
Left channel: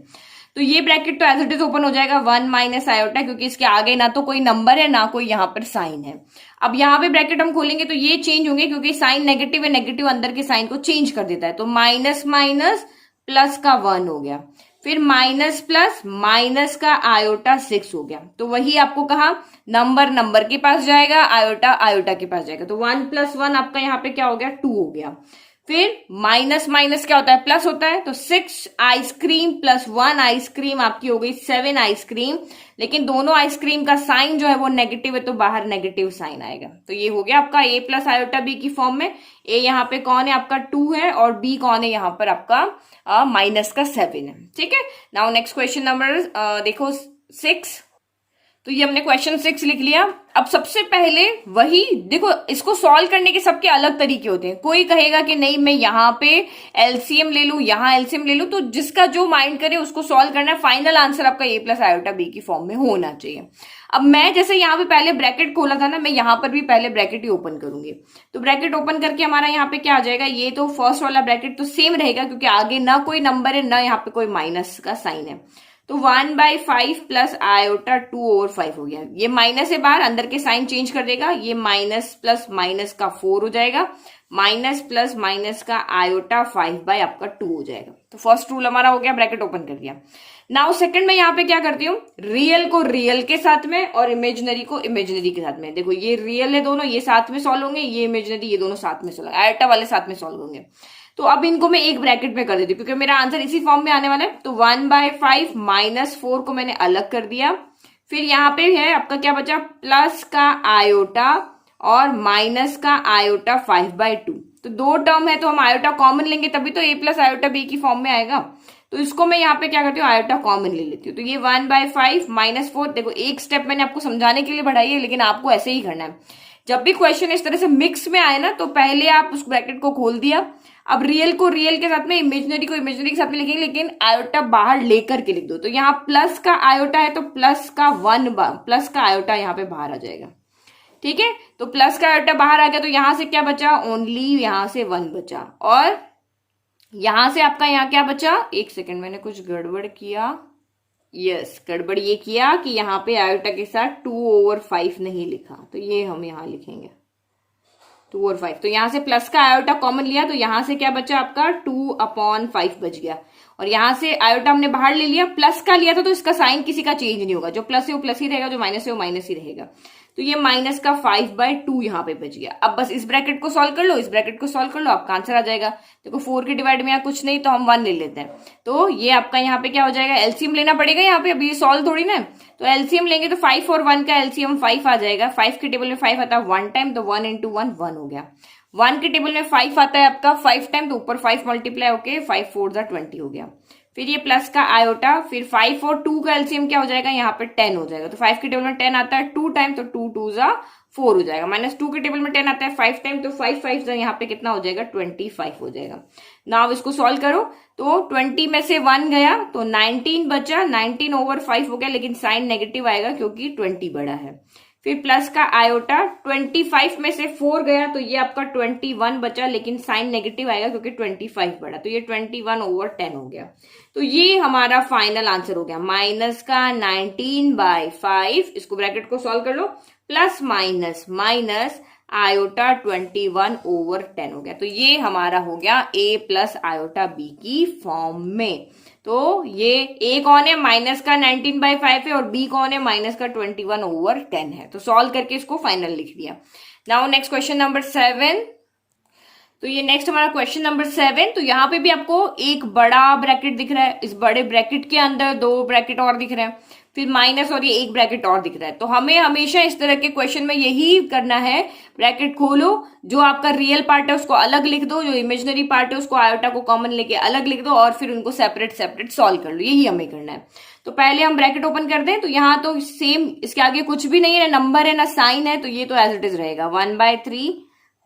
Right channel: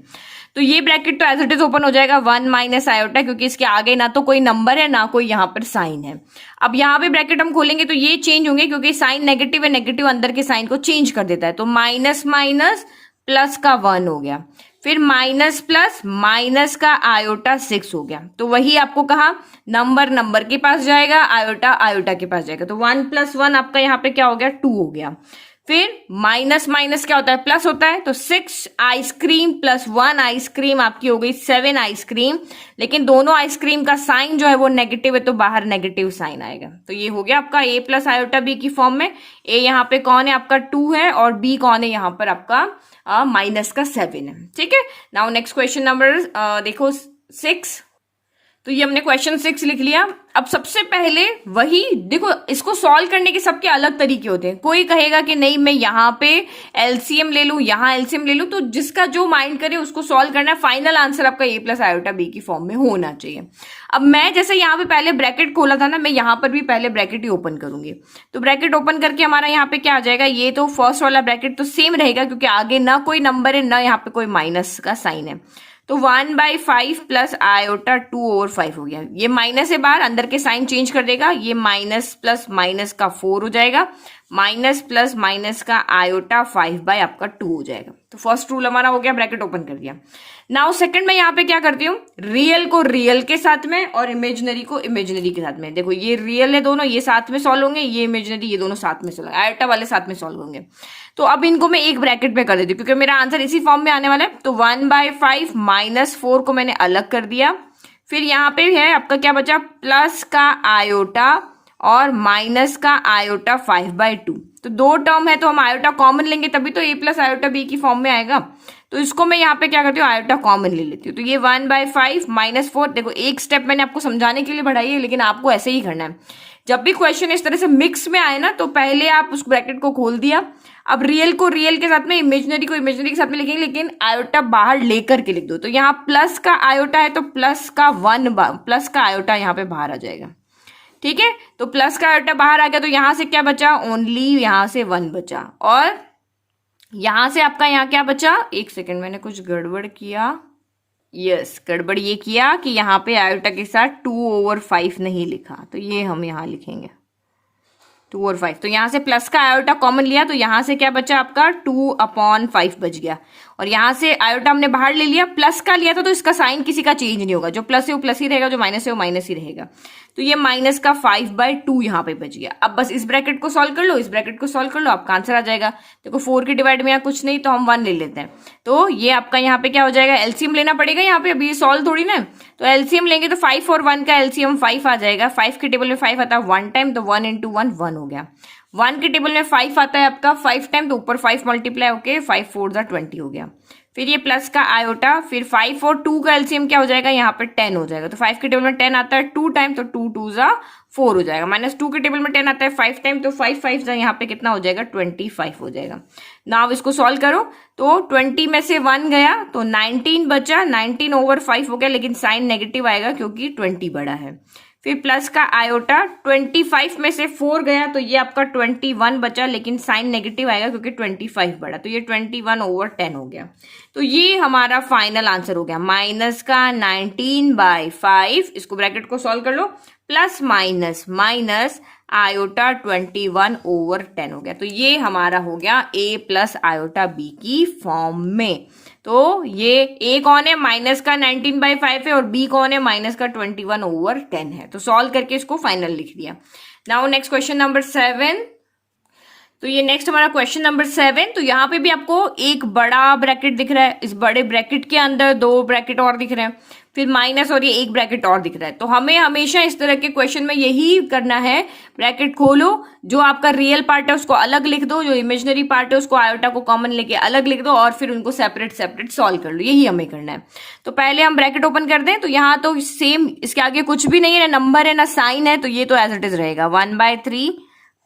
तो ये ब्रैकेट तो एज इट इज ओपन हो जाएगा, 1 माइनस आयोटा, क्योंकि इसके आगे ना तो कोई नंबर है ना कोई यहाँ पर साइन है। अब यहाँ पे ब्रैकेट हम खोलेंगे तो ये चेंज होंगे, क्योंकि साइन नेगेटिव है, नेगेटिव अंदर के साइन को चेंज कर देता है। तो माइनस माइनस प्लस का 1 हो गया, फिर माइनस प्लस माइनस का आयोटा 6 हो गया। तो वही आपको कहा, नंबर नंबर के पास जाएगा, आयोटा आयोटा के पास जाएगा। तो 1 + 1 आपका यहाँ पे क्या हो गया? 2 हो गया। फिर माइनस माइनस क्या होता है? प्लस होता है। तो 6 आइसक्रीम प्लस 1 आइसक्रीम आपकी हो गई 7 आइसक्रीम, लेकिन दोनों आइसक्रीम का साइन जो है वो नेगेटिव है, तो बाहर नेगेटिव साइन आएगा। तो ये हो गया आपका a प्लस आयोटा b की फॉर्म में। a यहाँ पे कौन है? आपका 2 है, और b कौन है? यहाँ पर आपका माइनस का 7 है। ठीक है, नाउ नेक्स्ट क्वेश्चन नंबर देखो 6। तो ये हमने क्वेश्चन 6 लिख लिया। अब सबसे पहले वही देखो, इसको सॉल्व करने के सबके अलग तरीके होते हैं। कोई कहेगा कि नहीं मैं यहाँ पे एलसीएम ले लूं, यहाँ एलसीएम ले लूं, तो जिसका जो माइंड करे उसको सॉल्व करना है। फाइनल आंसर आपका a प्लस आयोटा b की फॉर्म में होना चाहिए। अब मैं जैसे यहाँ पे पहले ब्रैकेट खोला था ना, मैं यहाँ पर भी पहले ब्रैकेट ही ओपन करूंगी। तो ब्रैकेट ओपन करके हमारा यहाँ पे क्या आ जाएगा? ये तो फर्स्ट वाला ब्रैकेट तो सेम रहेगा, क्योंकि आगे ना कोई नंबर है ना यहाँ पे कोई माइनस का साइन है। तो 1/5 प्लस आयोटा 2/5 हो गया। ये माइनस है बाहर, अंदर के साइन चेंज कर देगा, ये माइनस प्लस माइनस का 4 हो जाएगा, माइनस प्लस माइनस का आयोटा 5 आपका 2 हो जाएगा। तो फर्स्ट रूल हमारा हो गया, ब्रैकेट ओपन कर दिया। नाउ सेकंड में यहाँ पे क्या करती हूँ? रियल को रियल के साथ में और इमेजिनरी को इमेजिनरी के साथ में। देखो ये रियल है दोनों, ये साथ में सॉल्व होंगे, ये इमेजिनरी, ये दोनों साथ में सॉल्व, आयोटा वाले साथ में सॉल्व होंगे। तो अब इनको मैं एक ब्रैकेट में कर देती हूँ, क्योंकि मेरा आंसर इसी फॉर्म में आने वाला है। तो 1/5 -4 को मैंने अलग कर दिया। फिर यहाँ पे है आपका क्या बचा? प्लस का आयोटा और माइनस का आयोटा 5/2। तो 2 टर्म है, तो हम आयोटा कॉमन लेंगे, तभी तो a प्लस आयोटा b की फॉर्म में आएगा। तो इसको मैं यहाँ पे क्या करती हूँ? आयोटा कॉमन ले लेती हूँ। तो ये 1/5 -4, देखो एक स्टेप मैंने आपको समझाने के लिए बढ़ाई है, लेकिन आपको ऐसे ही करना है। जब भी क्वेश्चन इस तरह से मिक्स में आए ना, तो पहले आप उस ब्रैकेट को खोल दिया। अब रियल को रियल के साथ में, इमेजिनरी को इमेजिनरी के साथ में लिखेंगे, लेकिन आयोटा बाहर लेकर के लिख दो। तो यहाँ प्लस का आयोटा है, तो प्लस का आयोटा यहाँ पे बाहर आ जाएगा। ठीक है, तो प्लस का आयोटा बाहर आ गया, तो यहां से क्या बचा? ओनली यहां से 1 बचा, और यहां से आपका यहाँ क्या बचा? एक सेकेंड, मैंने कुछ गड़बड़ किया। यस, गड़बड़ ये किया कि यहाँ पे आयोटा के साथ 2/5 नहीं लिखा, तो ये हम यहाँ लिखेंगे। 2/5। तो यहाँ से प्लस का आयोटा कॉमन लिया तो यहाँ से क्या बचा आपका 2/5 बच गया, और यहाँ से आयोटा हमने बाहर ले लिया, प्लस का लिया था तो इसका साइन किसी का चेंज नहीं होगा, जो प्लस है वो प्लस ही रहेगा, जो माइनस है वो माइनस ही रहेगा। तो ये माइनस का 5/2 यहाँ पे बच गया। अब बस इस ब्रैकेट को सॉल्व कर लो, इस ब्रैकेट को सॉल्व कर लो, आपका आंसर आ जाएगा। देखो 4 के डिवाइड में यहाँ कुछ नहीं तो हम 1 ले लेते हैं, तो ये आपका यहाँ पे क्या हो जाएगा, एलसीएम लेना पड़ेगा यहाँ पे, अभी ये सॉल्व थोड़ी ना, तो एलसीएम लेंगे तो 5 और 1 का एलसीएम 5 आ जाएगा। 5 के टेबल में 5 आता है 1 टाइम, तो 1 × 1 1 हो गया। 1 के टेबल में 5 आता है आपका 5 टाइम, तो ऊपर 5 मल्टीप्लाई होके 5 4 20 हो गया। फिर ये प्लस का आयोटा, फिर 5 और 2 का एलसीएम क्या हो जाएगा, यहाँ पे 10 हो जाएगा। तो 5 के टेबल में 10 आता है 2 टाइम, तो 2 2 4 हो जाएगा। -2 के टेबल में 10 आता है 5 टाइम, तो 5 5 यहाँ पे कितना हो जाएगा, 25 हो जाएगा। नाउ इसको सॉल्व करो, तो 20 में से 1 गया तो 19 बचा, 19/5 हो गया, लेकिन साइन नेगेटिव आएगा क्योंकि 20 बड़ा है। फिर प्लस का आयोटा, 25 में से 4 गया तो ये आपका 21 बचा, लेकिन साइन नेगेटिव आएगा क्योंकि 25 बड़ा, तो ये 21/10 हो गया। तो ये हमारा फाइनल आंसर हो गया, माइनस का 19/5, इसको ब्रैकेट को सॉल्व कर लो, प्लस माइनस माइनस आयोटा 21/10 हो गया। तो ये हमारा हो गया a प्लस आयोटा b की फॉर्म में। तो ये a कौन है, माइनस का 19/5 है, और b कौन है, माइनस का 21/10 है। तो सॉल्व करके इसको फाइनल लिख दिया। Now next question number 7। तो ये नेक्स्ट हमारा क्वेश्चन नंबर 7। तो यहाँ पे भी आपको एक बड़ा ब्रैकेट दिख रहा है, इस बड़े ब्रैकेट के अंदर 2 ब्रैकेट और दिख रहे हैं, फिर माइनस और ये एक ब्रैकेट और दिख रहा है। तो हमें हमेशा इस तरह के क्वेश्चन में यही करना है, ब्रैकेट खोलो, जो आपका रियल पार्ट है उसको अलग लिख दो, जो इमेजिनरी पार्ट है उसको आयोटा को कॉमन लेके अलग लिख दो, और फिर उनको सेपरेट सेपरेट सॉल्व कर लो, यही हमें करना है। तो पहले हम ब्रैकेट ओपन कर दें, तो यहाँ तो सेम, इसके आगे कुछ भी नहीं है, ना नंबर है ना साइन है, तो ये तो एज इट इज रहेगा 1/3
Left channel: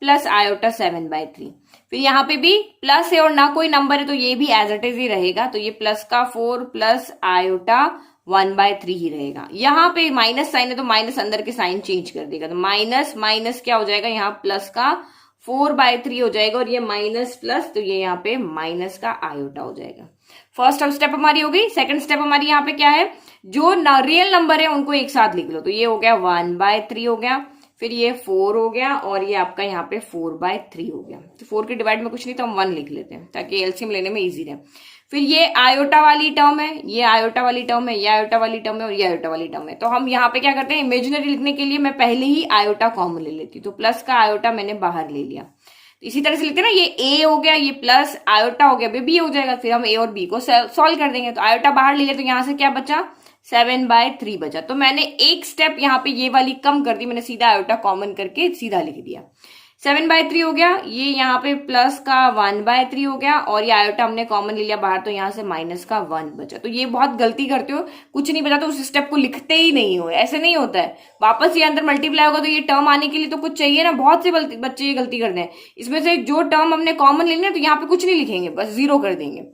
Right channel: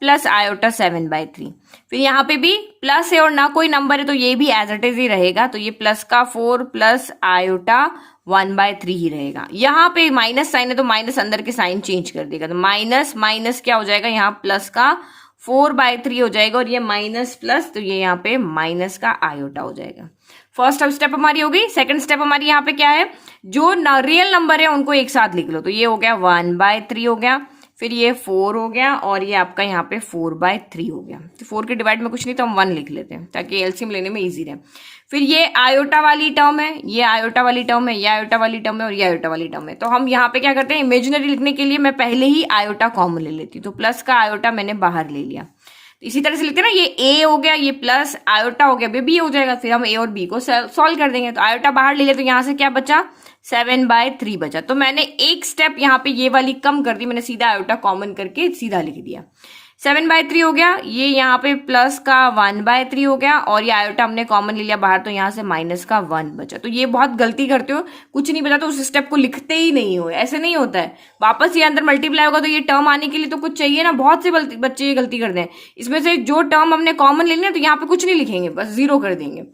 प्लस आयोटा 7/3। फिर यहाँ पे भी प्लस है और ना कोई नंबर है, तो ये भी एज इट इज ही रहेगा, तो ये प्लस का 4 प्लस आयोटा 1/3 ही रहेगा। यहाँ पे माइनस साइन है तो माइनस अंदर के साइन चेंज कर देगा, तो माइनस माइनस क्या हो जाएगा, यहाँ प्लस का 4/3 हो जाएगा, और ये माइनस प्लस, तो ये यहाँ पे माइनस का आयोटा हो जाएगा। फर्स्ट स्टेप हमारी हो गई। सेकंड स्टेप हमारी यहाँ पे क्या है, जो रियल नंबर है उनको एक साथ लिख लो, तो ये हो गया 1/3 हो गया, फिर ये 4 हो गया, और ये आपका यहाँ पे 4/3 हो गया। तो 4 के डिवाइड में कुछ नहीं तो हम 1 लिख लेते हैं ताकि एलसीएम लेने में इजी रहे। फिर ये आयोटा वाली टर्म है, ये आयोटा वाली टर्म है, ये आयोटा वाली टर्म है, और ये आयोटा वाली टर्म है। तो हम यहाँ पे क्या करते हैं, इमेजिनरी लिखने के लिए मैं पहले ही आयोटा कॉमन ले लेती हूँ, तो प्लस का आयोटा मैंने बाहर ले लिया। इसी तरह से लिखते हैं ना, ये ए हो गया, ये प्लस आयोटा हो गया, बी हो जाएगा, फिर हम ए और बी को सॉल्व कर देंगे। तो आयोटा बाहर ले लिया, तो यहाँ से क्या बचा, 7/3 बचा। तो मैंने एक स्टेप यहाँ पे ये वाली कम कर दी, मैंने सीधा आयोटा कॉमन करके सीधा लिख दिया। 7/3 हो गया, ये यहाँ पे प्लस का 1/3 हो गया, और ये आयोटा हमने कॉमन ले लिया बाहर, तो यहाँ से माइनस का 1 बचा। तो ये बहुत गलती करते हो, कुछ नहीं बचा तो उस स्टेप को लिखते ही नहीं हो, ऐसे नहीं होता है। वापस ये अंदर मल्टीप्लाई होगा तो ये टर्म आने के लिए तो कुछ चाहिए ना, बहुत से बच्चे ये गलती करते हैं। इसमें से जो टर्म हमने कॉमन ले लिया तो यहाँ पे कुछ नहीं लिखेंगे, बस 0 कर देंगे,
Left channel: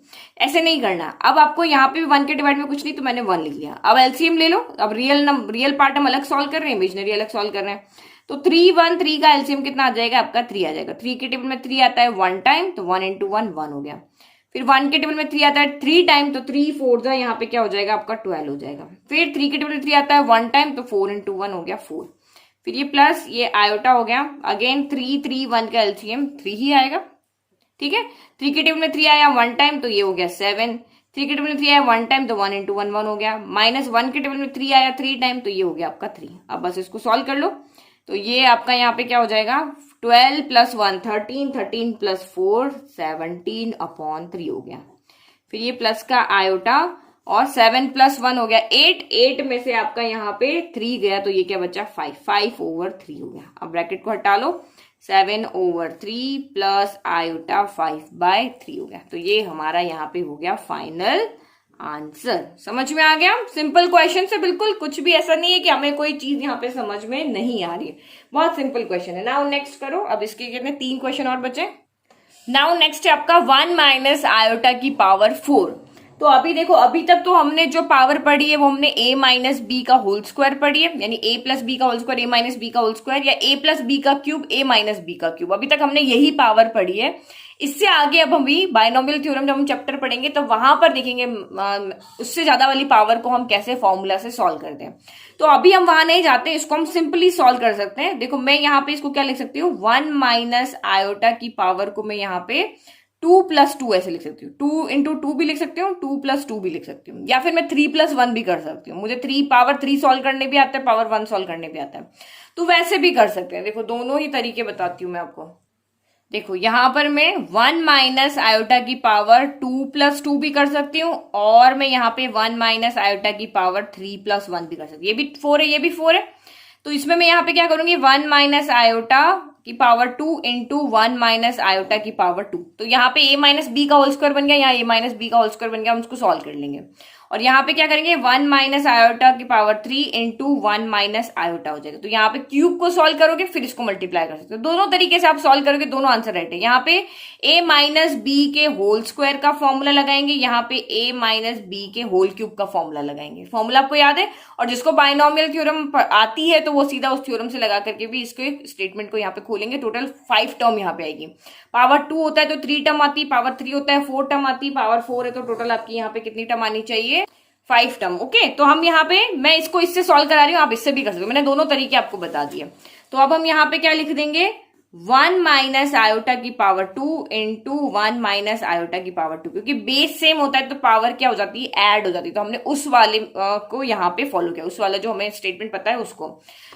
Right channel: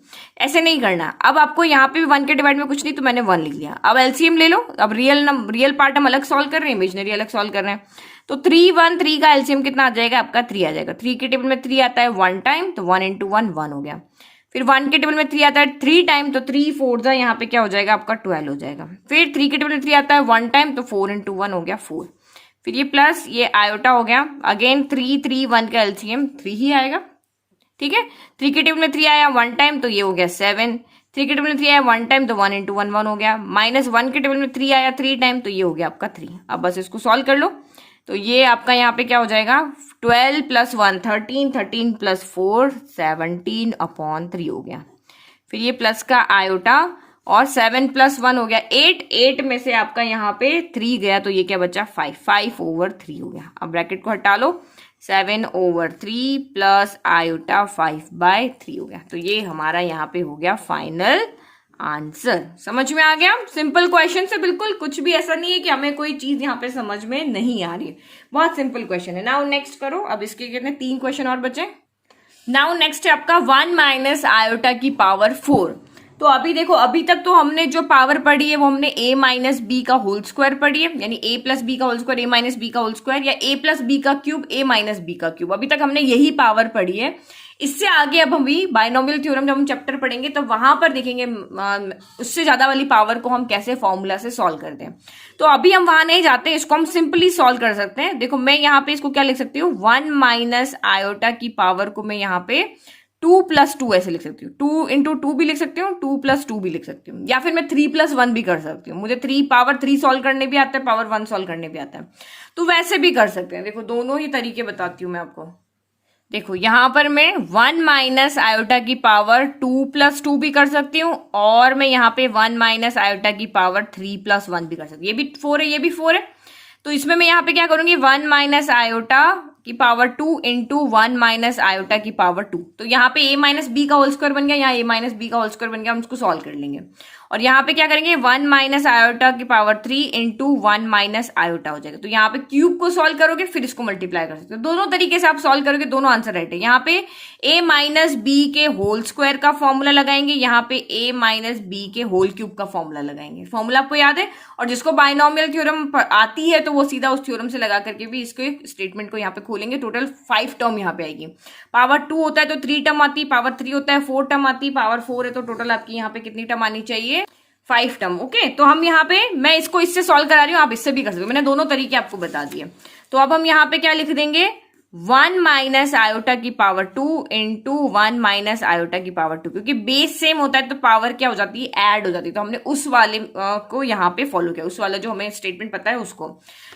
ऐसे नहीं करना। अब आपको यहाँ पे 1 के डिवाइड में कुछ नहीं, तो मैंने 1 लिख लिया। अब एलसीएम ले लो, अब रियल पार्ट हम अलग सॉल्व कर रहे हैं, इमेजिनरी अलग सॉल्व कर रहे हैं। तो 3 का एलसीएम कितना आ जाएगा आपका, 3 आ जाएगा। 3 के टेबल में 3 आता है 1 टाइम, तो 1 × 1 1 हो गया। फिर 1 के टेबल में 3 आता है 3 टाइम, तो 3 4 यहाँ पे क्या हो जाएगा आपका 12 हो जाएगा। फिर 3 के टेबल में 3 आता है 1 टाइम, तो 4 × 1 हो गया 4। फिर ये प्लस ये आयोटा हो गया, अगेन 3 3 1 का एलसीएम 3 ही आएगा, ठीक है। 3 के टेबल में 3 आया 1 टाइम, तो ये हो गया 7। 3 के टेबल में 3 आया 1 टाइम, तो 1 × 1 1 हो गया। -1 के टेबल में 3 आया 3 टाइम, तो ये हो गया आपका 3। अब बस इसको सॉल्व कर लो, तो ये आपका यहाँ पे क्या हो जाएगा, 12 + 1 13, 13 + 4 17/3 हो गया। फिर ये प्लस का आयोटा, और 7 + 1 हो गया 8, 8 में से आपका यहाँ पे 3 गया, तो ये क्या बचा 5, 5/3 हो गया। अब ब्रैकेट को हटा लो, 7/3 प्लस आयोटा 5/3 हो गया। तो ये हमारा यहाँ पे हो गया फाइनल आंसर। समझ में आ गया, सिंपल क्वेश्चन से, बिल्कुल कुछ भी ऐसा नहीं है कि हमें कोई चीज यहाँ पे समझ में नहीं आ रही है, बहुत सिंपल क्वेश्चन है। नाउ नेक्स्ट करो, अब इसके कितने 3 क्वेश्चन और बचे। नाउ नेक्स्ट है आपका 1 - आयोटा की पावर 4। तो अभी देखो, अभी तक तो हमने जो पावर पढ़ी है वो हमने a माइनस बी का होल स्क्वायर पढ़ी है, यानी a प्लस बी का whole square a minus B का होल स्क्वायर, या a प्लस बी का क्यूब a माइनस बी का क्यूब। अभी तक हमने यही पावर पढ़ी है। इससे आगे अब हम भी बायनोमियल थ्योरम जब हम चैप्टर पढ़ेंगे तो वहां पर देखेंगे उससे ज्यादा वाली पावर को हम कैसे फॉर्मूला से सॉल्व करते हैं। तो अभी हम वहां नहीं जाते, इसको हम सिंपली सॉल्व कर सकते हैं। देखो मैं यहाँ पे इसको क्या लिख सकती हूँ, 1 माइनस आयोटा की पावर को मैं यहाँ पे 2 प्लस 2 ऐसे लिख सकती हूँ। 2 इंटू 2 भी लिख सकती हूँ, 2 प्लस 2 भी लिख सकती हूँ, या फिर मैं 3 प्लस 1 भी कर सकती हूँ। मुझे 3 पावर 3 सॉल्व करने भी आता है, पावर 1 सॉल्व करने भी आता है, तो वैसे भी कर सकते हैं। देखो दोनों ही तरीके बताती हूँ मैं आपको। देखो यहां पर मैं 1 माइनस आयोटा की पावर 2 प्लस 2 भी कर सकती हूँ, और मैं यहाँ पे 1 माइनस आयोटा की पावर 3 प्लस 1 भी कर सकती हूँ। ये भी 4 है, ये भी 4 है, तो इसमें मैं यहाँ पे क्या करूंगी, 1 माइनस आयोटा की पावर 2 इंटू 1 माइनस आयोटा की पावर 2। तो यहाँ पे a माइनस बी का होल स्क्वायर बन गया, यहाँ a माइनस बी का होल स्क्वायर बन गया, हम उसको सॉल्व कर लेंगे। और यहाँ पे क्या करेंगे, 1 माइनस आयोटा की पावर 3 इंटू 1 माइनस आयोटा हो जाएगा। तो यहाँ पे क्यूब को सॉल्व करोगे, फिर इसको मल्टीप्लाई कर सकते हो। दोनों तरीके से आप सॉल्व करोगे, दोनों आंसर राइट है। यहाँ पे a माइनस बी के होल स्क्वायर का फॉर्मूला लगाएंगे, यहाँ पे a माइनस बी के होल क्यूब का फॉर्मूला लगाएंगे। फॉर्मूला आपको याद है, और जिसको बायनोमियल थ्योरम आती है तो वो सीधा उस थ्योरम से लगा करके भी इसके स्टेटमेंट को यहाँ पे खोलेंगे। टोटल 5 टर्म यहाँ पे आएगी। पावर 2 होता है तो 3 टर्म आती है, पावर 3 होता है 4 टर्म आती है, पावर 4 है तो टोटल आपकी यहाँ पे कितनी टर्म आनी चाहिए, 5 टर्म। ओके, तो हम यहाँ पे, मैं इसको इससे सॉल्व करा रही हूँ, आप इससे भी कर सकते हो, मैंने दोनों तरीके आपको बता दिए। तो अब हम यहाँ पे क्या लिख देंगे, 1 माइनस आयोटा की पावर 2 इंटू 1 माइनस आयोटा की पावर 2, क्योंकि बेस सेम होता है तो पावर क्या हो जाती है, ऐड हो जाती है। तो हमने उस वाले को यहाँ पे फॉलो किया, उस वाला जो हमें स्टेटमेंट पता है उसको।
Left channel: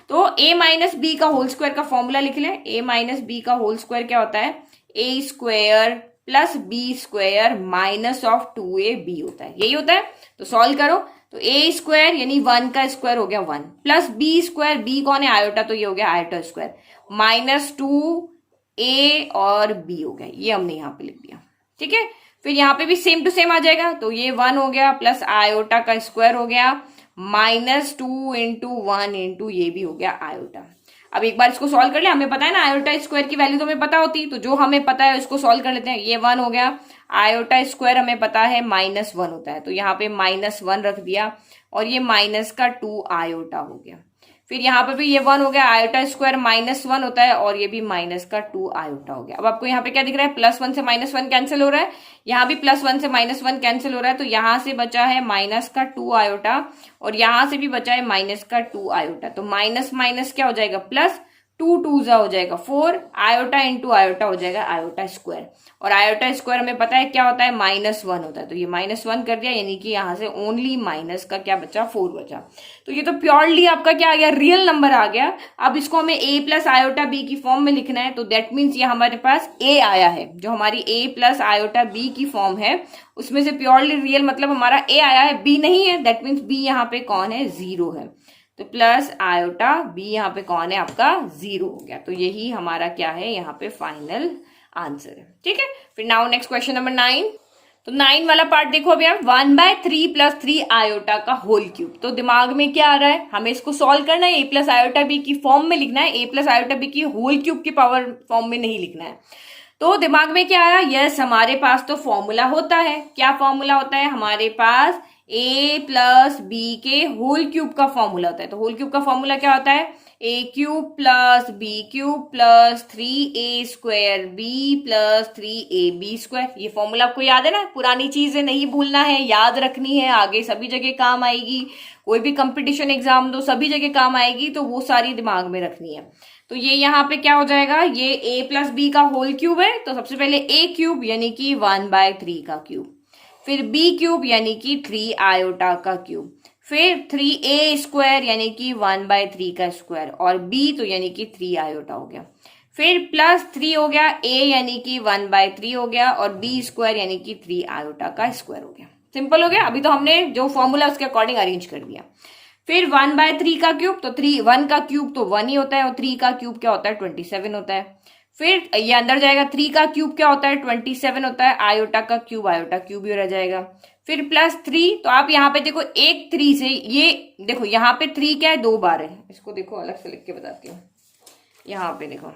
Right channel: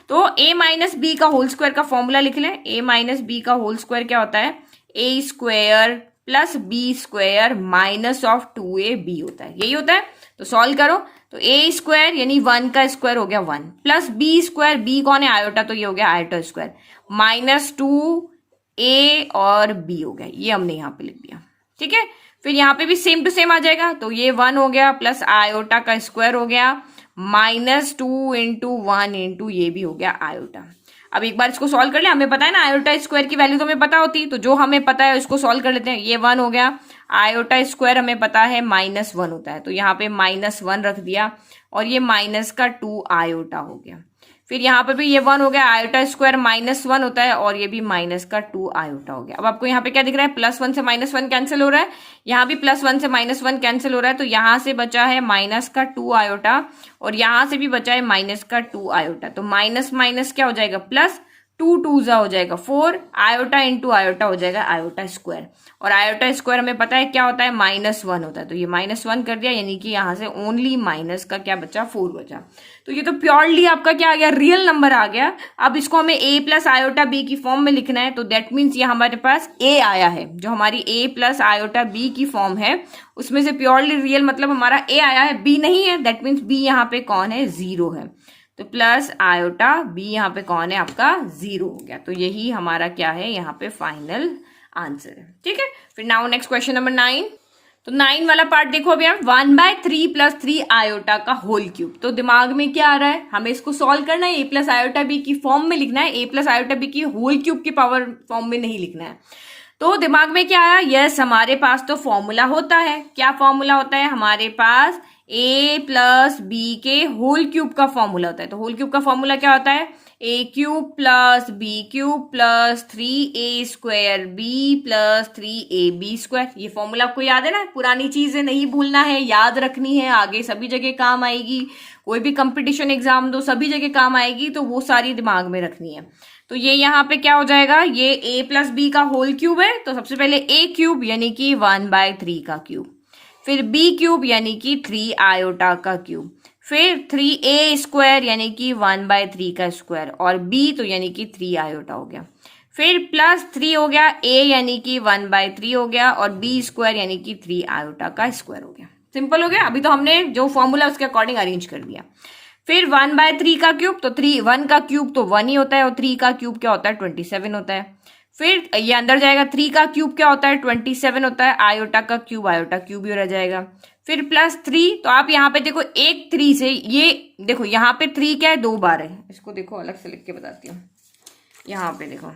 तो a माइनस बी का होल स्क्वायर का फॉर्मूला लिख लें। a माइनस बी का होल स्क्वायर क्या होता है, a square plus B square minus of 2ab होता है, यही होता है। तो सॉल्व करो, तो a स्क्वायर यानी 1 का स्क्वायर हो गया 1, प्लस बी स्क्वायर, बी कौन है, आयोटा, तो ये हो गया आयोटा स्क्वायर, माइनस 2a और b हो गया, ये हमने यहाँ पे लिख दिया। ठीक है, फिर यहाँ पे भी सेम टू सेम आ जाएगा, तो ये 1 हो गया, प्लस आयोटा का स्क्वायर हो गया, माइनस 2 इंटू 1 इंटू ये भी हो गया आयोटा। अब एक बार इसको सॉल्व कर लिया, हमें पता है ना आयोटा स्क्वायर की वैल्यू तो हमें पता होती है, तो जो हमें पता है उसको सॉल्व कर लेते हैं। ये 1 हो गया, आयोटा स्क्वायर हमें पता है -1 होता है, तो यहाँ पे -1 रख दिया, और ये माइनस का 2 आयोटा हो गया। फिर यहाँ पे भी ये 1 हो गया, आयोटा स्क्वायर -1 होता है, और ये भी माइनस का 2 आयोटा हो गया। अब आपको यहाँ पे क्या दिख रहा है, +1 से -1 कैंसिल हो रहा है, यहाँ भी +1 से -1 कैंसिल हो रहा है, तो यहाँ से बचा है माइनस का 2 आयोटा, और यहाँ से भी बचा है माइनस का 2 आयोटा। तो माइनस माइनस क्या हो जाएगा, प्लस, 2 2 हो जाएगा 4, आयोटा इंटू आयोटा हो जाएगा आयोटा स्क्वायर, और आयोटा स्क्वायर हमें पता है क्या होता है, -1 होता है, तो ये -1 कर दिया, यानी कि यहाँ से ओनली माइनस का क्या बचा, 4 बचा। तो ये तो प्योरली आपका क्या आ गया, रियल नंबर आ गया। अब इसको हमें a प्लस आयोटा बी की फॉर्म में लिखना है, तो दैट मीन्स ये हमारे पास a आया है, जो हमारी a प्लस आयोटा बी की फॉर्म है उसमें से प्योरली रियल मतलब हमारा a आया है, b नहीं है, दैट मीन्स b यहाँ पे कौन है, 0 है। तो प्लस आयोटा बी यहाँ पे कौन है आपका, 0 हो गया। तो यही हमारा क्या है यहाँ पे फाइनल आंसर है। ठीक है, फिर नाउ नेक्स्ट क्वेश्चन नंबर 9। तो 9 वाला पार्ट देखो अभी आप, 1/3 प्लस 3 आयोटा का होल क्यूब। तो दिमाग में क्या आ रहा है, हमें इसको सॉल्व करना है, a प्लस आयोटा बी की फॉर्म में लिखना है, a प्लस आयोटा बी की होल क्यूब की पावर फॉर्म में नहीं लिखना है। तो दिमाग में क्या आया, यस हमारे पास तो फॉर्मूला होता है। क्या फॉर्मूला होता है हमारे पास, a प्लस बी के होल क्यूब का फॉर्मूला होता है। तो होल क्यूब का फॉर्मूला क्या होता है, a cube plus b cube plus 3a square b plus 3ab square. ये फॉर्मूला आपको याद है ना, पुरानी चीज है, नहीं भूलना है, याद रखनी है, आगे सभी जगह काम आएगी, कोई भी कंपटीशन एग्जाम दो सभी जगह काम आएगी, तो वो सारी दिमाग में रखनी है। तो ये यहाँ पे क्या हो जाएगा, ये a प्लस बी का होल क्यूब है, तो सबसे पहले a क्यूब यानी कि 1/3 का क्यूब, फिर b क्यूब यानी कि 3 आयोटा का क्यूब, फिर 3a स्क्वायर यानी कि 1/3 का स्क्वायर, और b तो यानी कि 3 आयोटा हो गया, फिर प्लस 3 हो गया, a यानी कि 1/3 हो गया, और b स्क्वायर यानी कि 3 आयोटा का स्क्वायर हो गया। सिंपल हो गया। अभी तो हमने जो फॉर्मूला उसके अकॉर्डिंग अरेंज कर दिया। फिर 1/3 का क्यूब, तो 1 का क्यूब तो 1 ही होता है, और 3 का क्यूब क्या होता है, 27 होता है। फिर ये अंदर जाएगा, 3 का क्यूब क्या होता है, 27 होता है, आयोटा का क्यूब आयोटा क्यूब ही रह जाएगा। फिर प्लस 3, तो आप यहाँ पे देखो एक 3 से, ये देखो यहाँ पे 3 क्या है, 2 बार है, इसको देखो अलग से लिख के बताती हूँ। यहाँ पे देखो,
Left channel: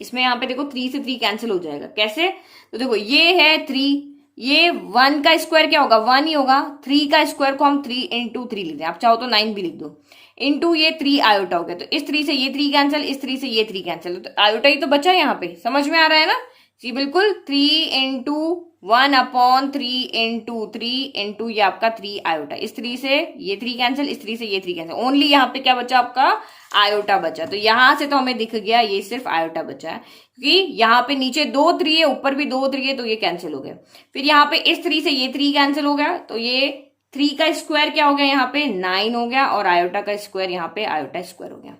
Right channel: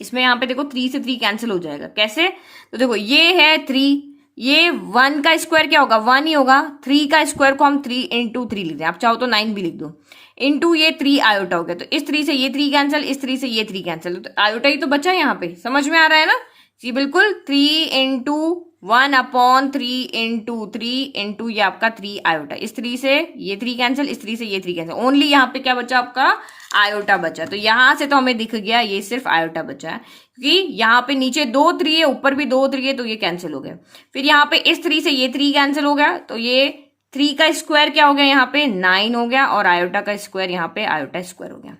इसमें यहाँ पे देखो 3 से 3 कैंसिल हो जाएगा, कैसे, तो देखो ये है 3, ये 1 का स्क्वायर क्या होगा, 1 ही होगा। 3 का स्क्वायर को हम 3 इंटू 3 लिख दें, आप चाहो तो 9 भी लिख दो, इंटू ये 3 आयोटा हो गया। तो इस 3 से ये 3 कैंसिल, इस 3 से ये 3 कैंसिल, तो आयोटा ही तो बचा है यहाँ पे। समझ में आ रहा है ना जी, बिल्कुल। 3 इंटू 1/3 इंटू 3 इंटू ये आपका 3 आयोटा, इस 3 से ये 3 कैंसिल, इस 3 से ये 3 कैंसिल, ओनली यहाँ पे क्या बचा आपका, आयोटा बचा। तो यहां से तो हमें दिख गया ये सिर्फ आयोटा बचा है, क्योंकि यहाँ पे नीचे 2 3 है, ऊपर भी 2 3 है, तो ये कैंसिल हो गया। फिर यहाँ पे इस 3 से ये 3 कैंसिल हो गया, तो ये 3 का स्क्वायर क्या हो गया, यहाँ पे 9 हो गया, और आयोटा का स्क्वायर यहाँ पे आयोटा स्क्वायर हो गया।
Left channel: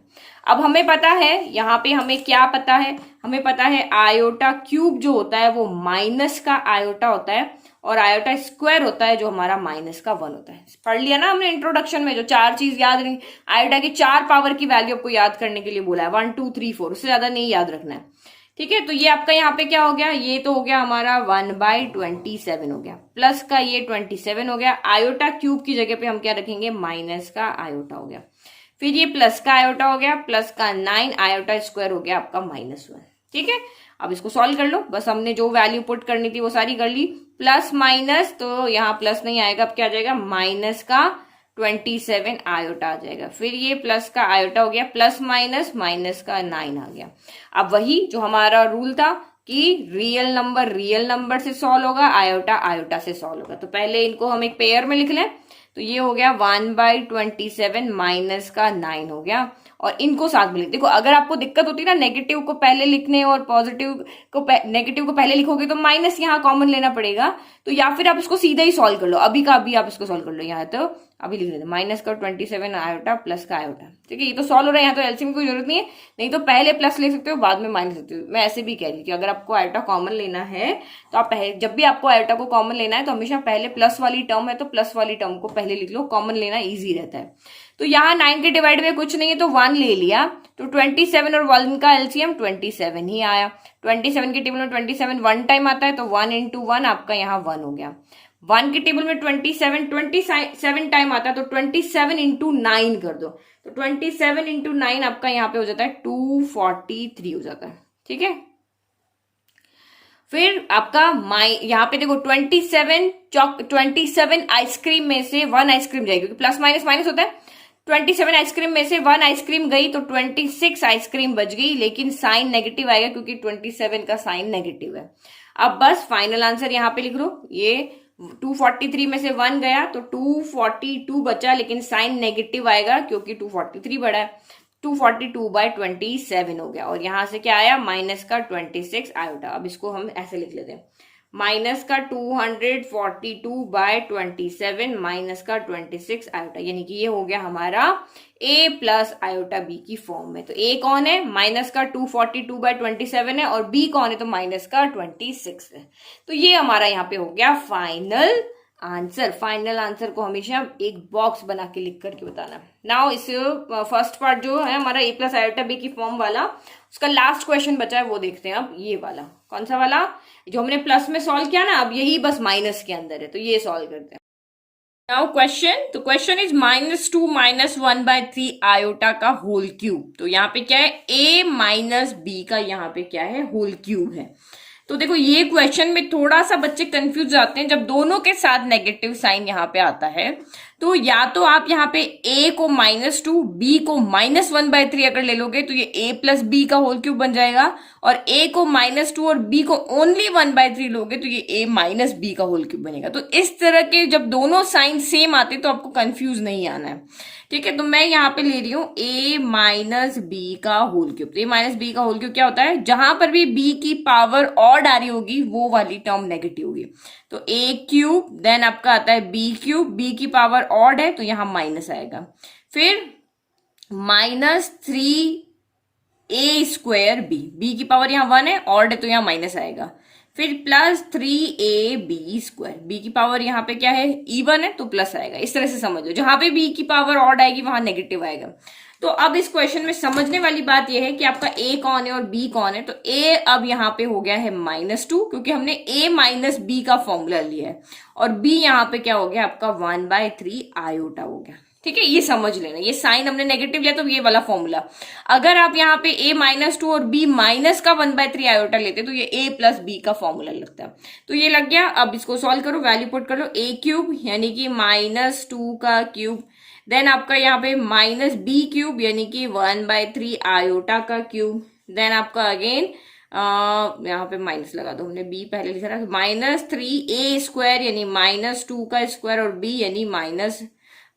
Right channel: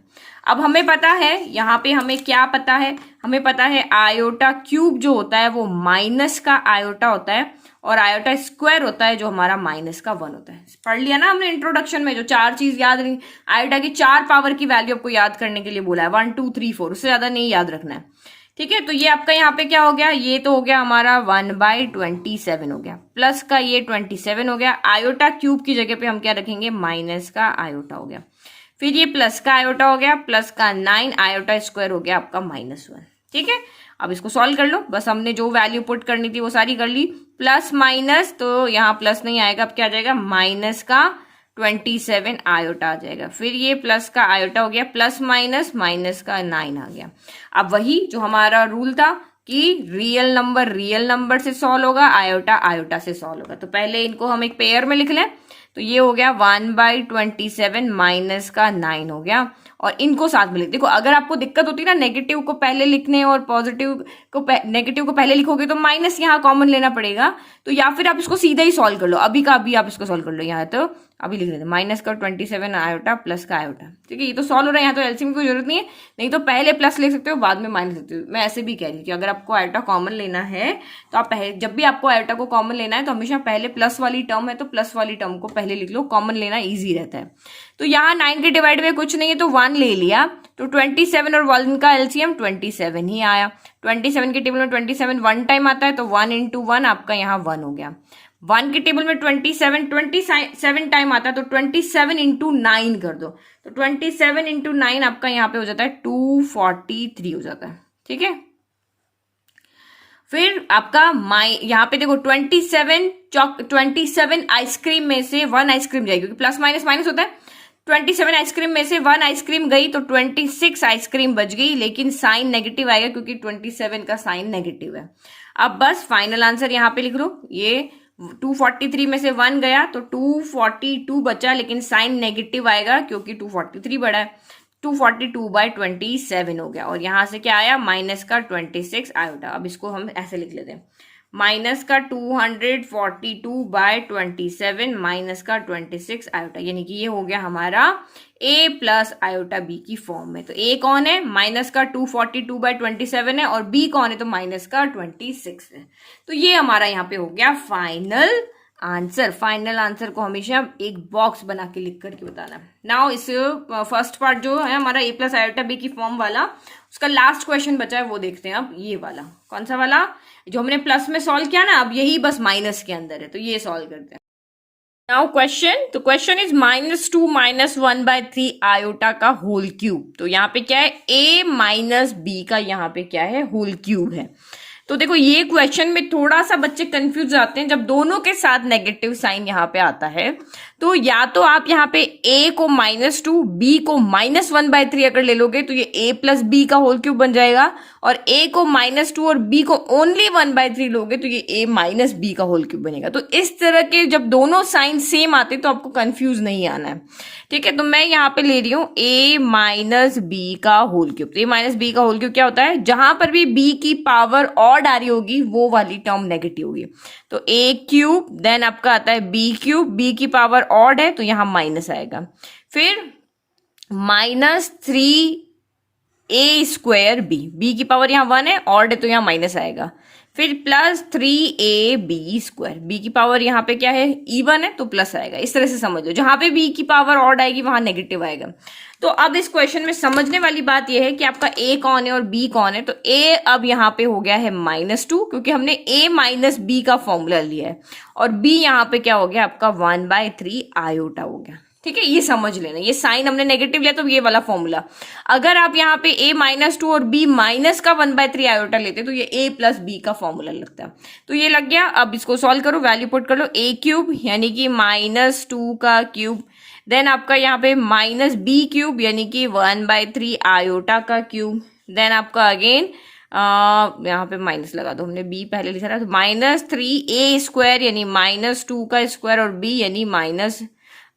अब हमें पता है यहाँ पे, हमें क्या पता है, हमें पता है आयोटा क्यूब जो होता है वो माइनस का आयोटा होता है, और आयोटा स्क्वायर होता है जो हमारा माइनस का 1 होता है। पढ़ लिया ना हमने इंट्रोडक्शन में, जो 4 चीज याद रही, आयोटा की 4 पावर की वैल्यू आपको याद करने के लिए बोला है, 1 2 3 4, उससे ज्यादा नहीं याद रखना है, ठीक है। तो ये आपका यहाँ पे क्या हो गया, ये तो हो गया हमारा 1/27 हो गया, प्लस का ये 27 हो गया। आयोटा क्यूब की जगह पे हम क्या रखेंगे, माइनस का आयोटा हो गया। फिर ये प्लस का आयोटा हो गया, प्लस का 9, आयोटा स्क्वायर हो गया आपका -1, ठीक है। अब इसको सॉल्व कर लो, बस हमने जो वैल्यू पुट करनी थी वो सारी कर ली। प्लस माइनस, तो यहाँ प्लस नहीं आएगा, अब क्या आ जाएगा, माइनस का 27 आयोटा आ जाएगा। फिर ये प्लस का आयोटा हो गया, प्लस माइनस, माइनस का 9 आ गया। अब वही जो हमारा रूल था कि रियल नंबर से सॉल्व होगा, आयोटा आयोटा से सॉल्व होगा। तो पहले इनको हम एक पेयर में लिख लें, तो ये हो गया 1/27 माइनस का 9 हो गया, और इनको साथ में लिख। देखो अगर आपको दिक्कत होती है ना नेगेटिव को पहले लिखने और पॉजिटिव को नेगेटिव को पहले लिखोगे तो माइनस यहाँ कॉमन लेना पड़ेगा, तो या फिर आप इसको सीधा ही सॉल्व कर लो, अभी का अभी आप इसको सॉल्व कर लो। यहाँ तो अभी लिख देते माइनस का 27 आयोटा प्लस का आयोटा, ठीक है। ये तो सॉल्व हो रहा है, यहाँ तो एलसीएम की कोई जरूरत नहीं है, नहीं तो पहले प्लस ले सकते हो बाद में माइनस सकते हो। मैं ऐसे भी कह रही हूँ कि अगर आपको आयोटा कॉमन लेना है तो आप पहले, जब भी आपको आयोटा को कॉमन लेना है तो हमेशा पहले प्लस वाली टर्म है तो प्लस वाली टर्म को पहले लिख लो, कॉमन लेना ईजी रहता है। तो यहाँ 9 के डिवाइड में कुछ नहीं है तो 1 ले लिया, तो 27 और 1 का एलसीएम 27 ही आया। 27 के टेबल में 27 1 टाइम आता है, तो 1 इंटू 1 आपका यहाँ 1 हो गया। 1 के टेबल में 27 टाइम आता है, तो 27 इंटू 9 कर दो, तो 27 इंटू 9 आपका यहाँ पे हो जाता है 243 हो जाता है, ठीक है। फिर आपका यहाँ पे देखो 27 आइसक्रीम में से 1 आइसक्रीम जाएगी, क्योंकि प्लस माइनस माइनस होता है। 27 आइसक्रीम में से 1 आइसक्रीम गई, तो 26 आइसक्रीम बच गई, लेकिन साइन नेगेटिव आएगा क्योंकि 27 का साइन नेगेटिव है। अब बस फाइनल आंसर यहाँ पे लिख लो, ये 243 में से 1 गया तो 242 बचा, लेकिन साइन नेगेटिव आएगा क्योंकि 243 बढ़ा है, 242/27 हो गया। और यहां से क्या आया, माइनस का 26 आयोटा। अब इसको हम ऐसे लिख लेते हैं, माइनस का 242/27 माइनस का 26 आयोटा, यानी कि ये हो गया हमारा a प्लस आयोटा b की फॉर्म में। तो a कौन है, माइनस का 242/27 है, और b कौन है, तो माइनस का 26 है। तो ये हमारा यहाँ पे हो गया फाइनल आंसर। फाइनल आंसर को हमेशा एक बॉक्स बना के लिख करके बताना। नाउ इस फर्स्ट पार्ट जो है हमारा a प्लस आयोटा b की फॉर्म वाला, उसका लास्ट क्वेश्चन बचा है, वो देखते हैं अब। ये वाला कौन सा वाला, जो हमने प्लस में सॉल्व किया ना, अब यही बस माइनस के अंदर है, तो ये सॉल्व करते हैं। नाउ क्वेश्चन, तो क्वेश्चन इज -2 -1/3 आयोटा का होल क्यूब। तो यहाँ पे क्या है, a माइनस b का यहाँ पे क्या है, होल क्यूब है। तो देखो ये क्वेश्चन में थोड़ा सा बच्चे कंफ्यूज आते हैं, जब दोनों के साथ नेगेटिव साइन यहाँ पे आता है, तो या तो आप यहाँ पे a को -2 b को -1/3 अगर ले लोगे तो ये a प्लस b का होल क्यूब बन जाएगा, और a को -2 और b को ओनली 1/3 लोगे तो ये a माइनस b का होल क्यूब बनेगा। तो इस तरह के जब दोनों साइन सेम आते तो आपको कंफ्यूज नहीं आना है, ठीक है। तो मैं यहाँ पे ले रही हूँ a माइनस b का होल क्यूब। तो a माइनस b का होल क्यूब क्या होता है, जहां पर भी b की पावर ऑड आ रही होगी वो वाली टर्म नेगेटिव होगी। तो a क्यूब, देन आपका आता है b क्यूब, b की पावर ऑड है तो यहाँ माइनस आएगा। फिर -3a² b की पावर यहाँ 1 है, ऑड है तो यहाँ माइनस आएगा। फिर +3ab², b की पावर यहाँ पे क्या है, इवन है तो प्लस आएगा। इस तरह से समझ लो, जहां पे b की पावर ऑड आएगी वहां नेगेटिव आएगा। तो अब इस क्वेश्चन में समझने वाली बात यह है कि आपका a कौन है और b कौन है। तो a अब यहाँ पे हो गया है -2, क्योंकि हमने a माइनस b का फॉर्मूला लिया है, और b यहाँ पे क्या हो गया आपका 1/3 आयोटा हो गया, ठीक है, ये समझ लेना, ये साइन हमने नेगेटिव लिया तो ये वाला फॉर्मूला। अगर आप यहाँ पे a -2 और b माइनस का 1/3 आयोटा लेते तो ये a प्लस b का फॉर्मूला लगता है। तो ये लग गया। अब इसको सॉल्व करो, वैल्यू पुट कर लो, a³ यानी कि -2 का क्यूब, देन आपका यहाँ पे -b³ यानी कि 1/3 आयोटा का क्यूब, देन आपका अगेन यहाँ पे माइनस लगा दो, हमने b पहले लिखा था, -3a² यानी -2 का स्क्वायर और b यानी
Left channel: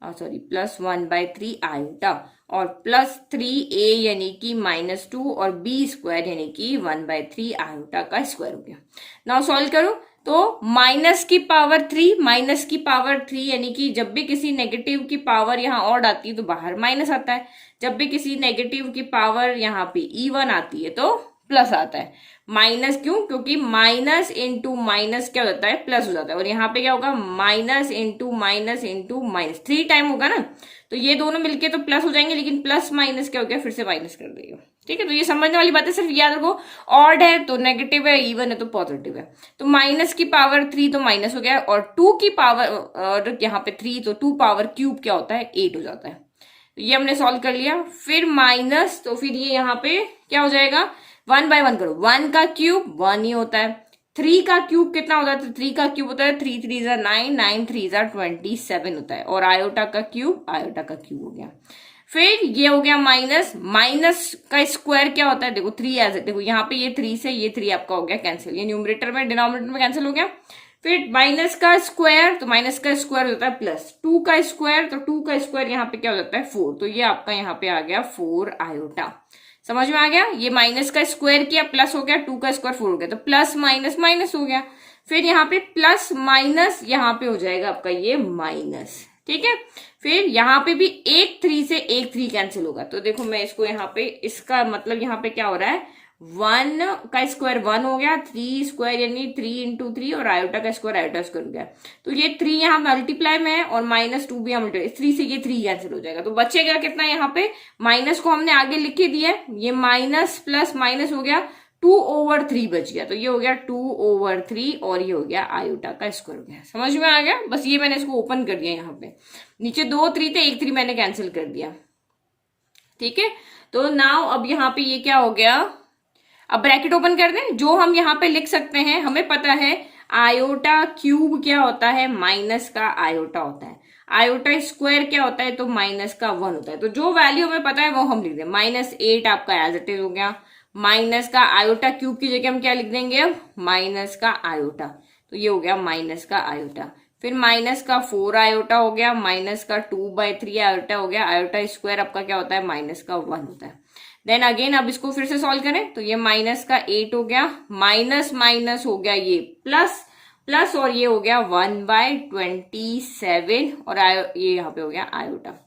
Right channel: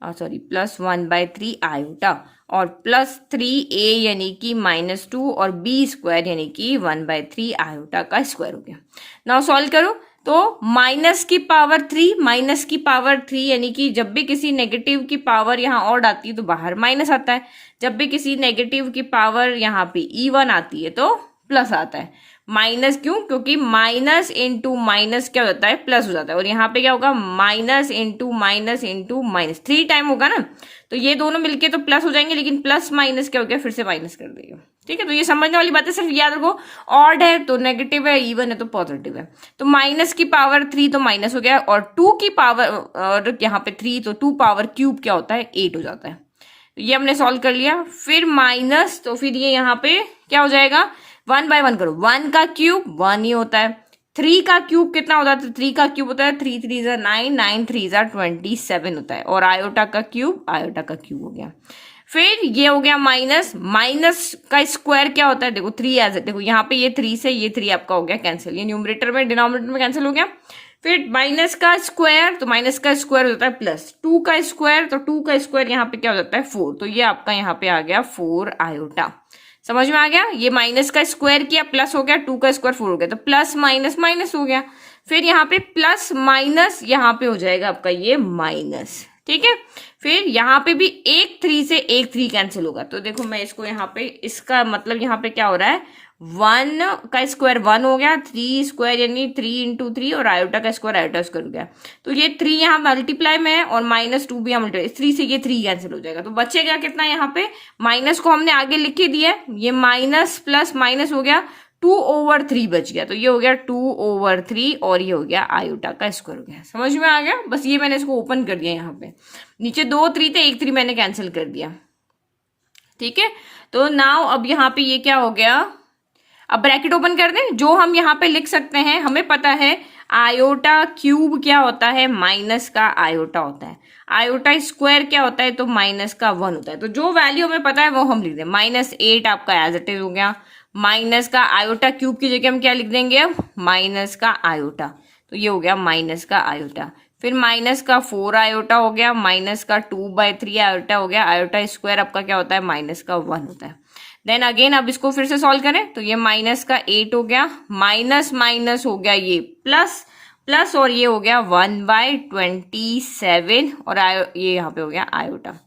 +1/3 आयोटा और +3a यानी कि -2 और b² यानी कि 1/3 आयोटा का स्क्वायर हो गया। नाउ सॉल्व करो तो -3 यानी कि जब भी किसी नेगेटिव की पावर यहाँ ऑड आती है तो बाहर माइनस आता है, जब भी किसी नेगेटिव की पावर यहाँ पे इवन आती है तो प्लस आता है। माइनस क्यों? क्योंकि माइनस इंटू माइनस क्या होता है, प्लस हो जाता है। और यहाँ पे क्या होगा, minus into minus into minus 3 time होगा ना, तो ये दोनों मिलके तो प्लस हो जाएंगे, लेकिन प्लस माइनस क्या हो गया, फिर से माइनस कर देगा। ठीक है, तो ये समझने वाली बात है, सिर्फ याद रखो ऑड है तो नेगेटिव है, इवन है तो पॉजिटिव है। तो माइनस की पावर 3 तो माइनस हो गया, और 2 की पावर और यहाँ पे 3 तो 2 पावर क्यूब क्या होता है, 8 हो जाता है। तो ये हमने सॉल्व कर लिया। फिर माइनस, तो फिर ये यहाँ पे क्या हो जाएगा, 1 बाय 1 करो, 1 का क्यूब 1 ही होता है, 3 का क्यूब कितना होता है, 3 का क्यूब होता है 3 3 जा 9, 9 3 जा 27 होता है, और आयोटा का क्यूब हो गया। फिर ये हो गया माइनस, माइनस का स्क्वायर क्या होता है, देखो 3 एज, देखो यहाँ पे ये 3 से ये 3 आपका हो गया कैंसिल, ये न्यूमरेटर में डिनोमिनेटर में कैंसिल हो गया। फिर माइनस का स्क्वायर, तो माइनस का स्क्वायर होता है प्लस 2 का स्क्वायर, तो 2 का स्क्वायर यहाँ पे क्या हो जाता है 4, तो ये आपका यहाँ पे आ गया 4 आयोटा। समझ में आ गया, ये माइनस का स्क्वायर किया प्लस हो गया, 2 का स्क्वायर 4 हो गया, तो प्लस माइनस माइनस हो गया। फिर यहाँ पे प्लस माइनस यहाँ पे हो जाएगा आपका ये माइनस। ठीक है, फिर यहाँ पे भी एक 3 से एक 3 कैंसिल होगा, तो देखो मैं इसको यहाँ पे, इसका मतलब यहाँ पे क्या हो रहा है, 1 का स्क्वायर 1 हो गया, 3 स्क्वायर यानी 3 इंटू 3, और आयोटा का स्क्वायर आयोटा स्क्वायर हो गया। तो ये 3 यहाँ मल्टीप्लाई में है और -2 भी यहाँ मल्टीप्लाई, 3 से ये 3 कैंसिल हो जाएगा, तो बचेगा कितना, यहाँ पे माइनस को हमने आगे लिख के दिया, ये माइनस प्लस माइनस हो गया, 2/3 बच गया, तो ये हो गया 2/3 और ये हो गया आयोटा का स्क्वायर हो गया। समझ में आ गया, बस ये मैंने इसको ओपन कर दिया, यहाँ पे नीचे 2 3 थे, एक 3 मैंने कैंसिल कर दिया। ठीक है, तो नाउ अब यहाँ पे ये क्या हो गया, अब ब्रैकेट ओपन कर दें, जो हम यहाँ पे लिख सकते हैं, हमें पता है आयोटा क्यूब क्या होता है, माइनस का आयोटा होता है, आयोटा स्क्वायर क्या होता है, तो माइनस का 1 होता है। तो जो वैल्यू हमें पता है वो हम लिख दें, -8 आपका एज इट इज हो गया, माइनस का आयोटा क्यूब की जगह हम क्या लिख देंगे अब, माइनस का आयोटा, तो ये हो गया माइनस का आयोटा। फिर माइनस का 4 आयोटा हो गया, माइनस का 2/3 आयोटा हो गया, आयोटा स्क्वायर आपका क्या होता है, माइनस का 1 होता है। देन अगेन अब इसको फिर से सॉल्व करें, तो ये माइनस का 8 हो गया, माइनस माइनस हो गया ये प्लस, प्लस और ये हो गया 1/27 और ये यहाँ पे हो गया आयोटा।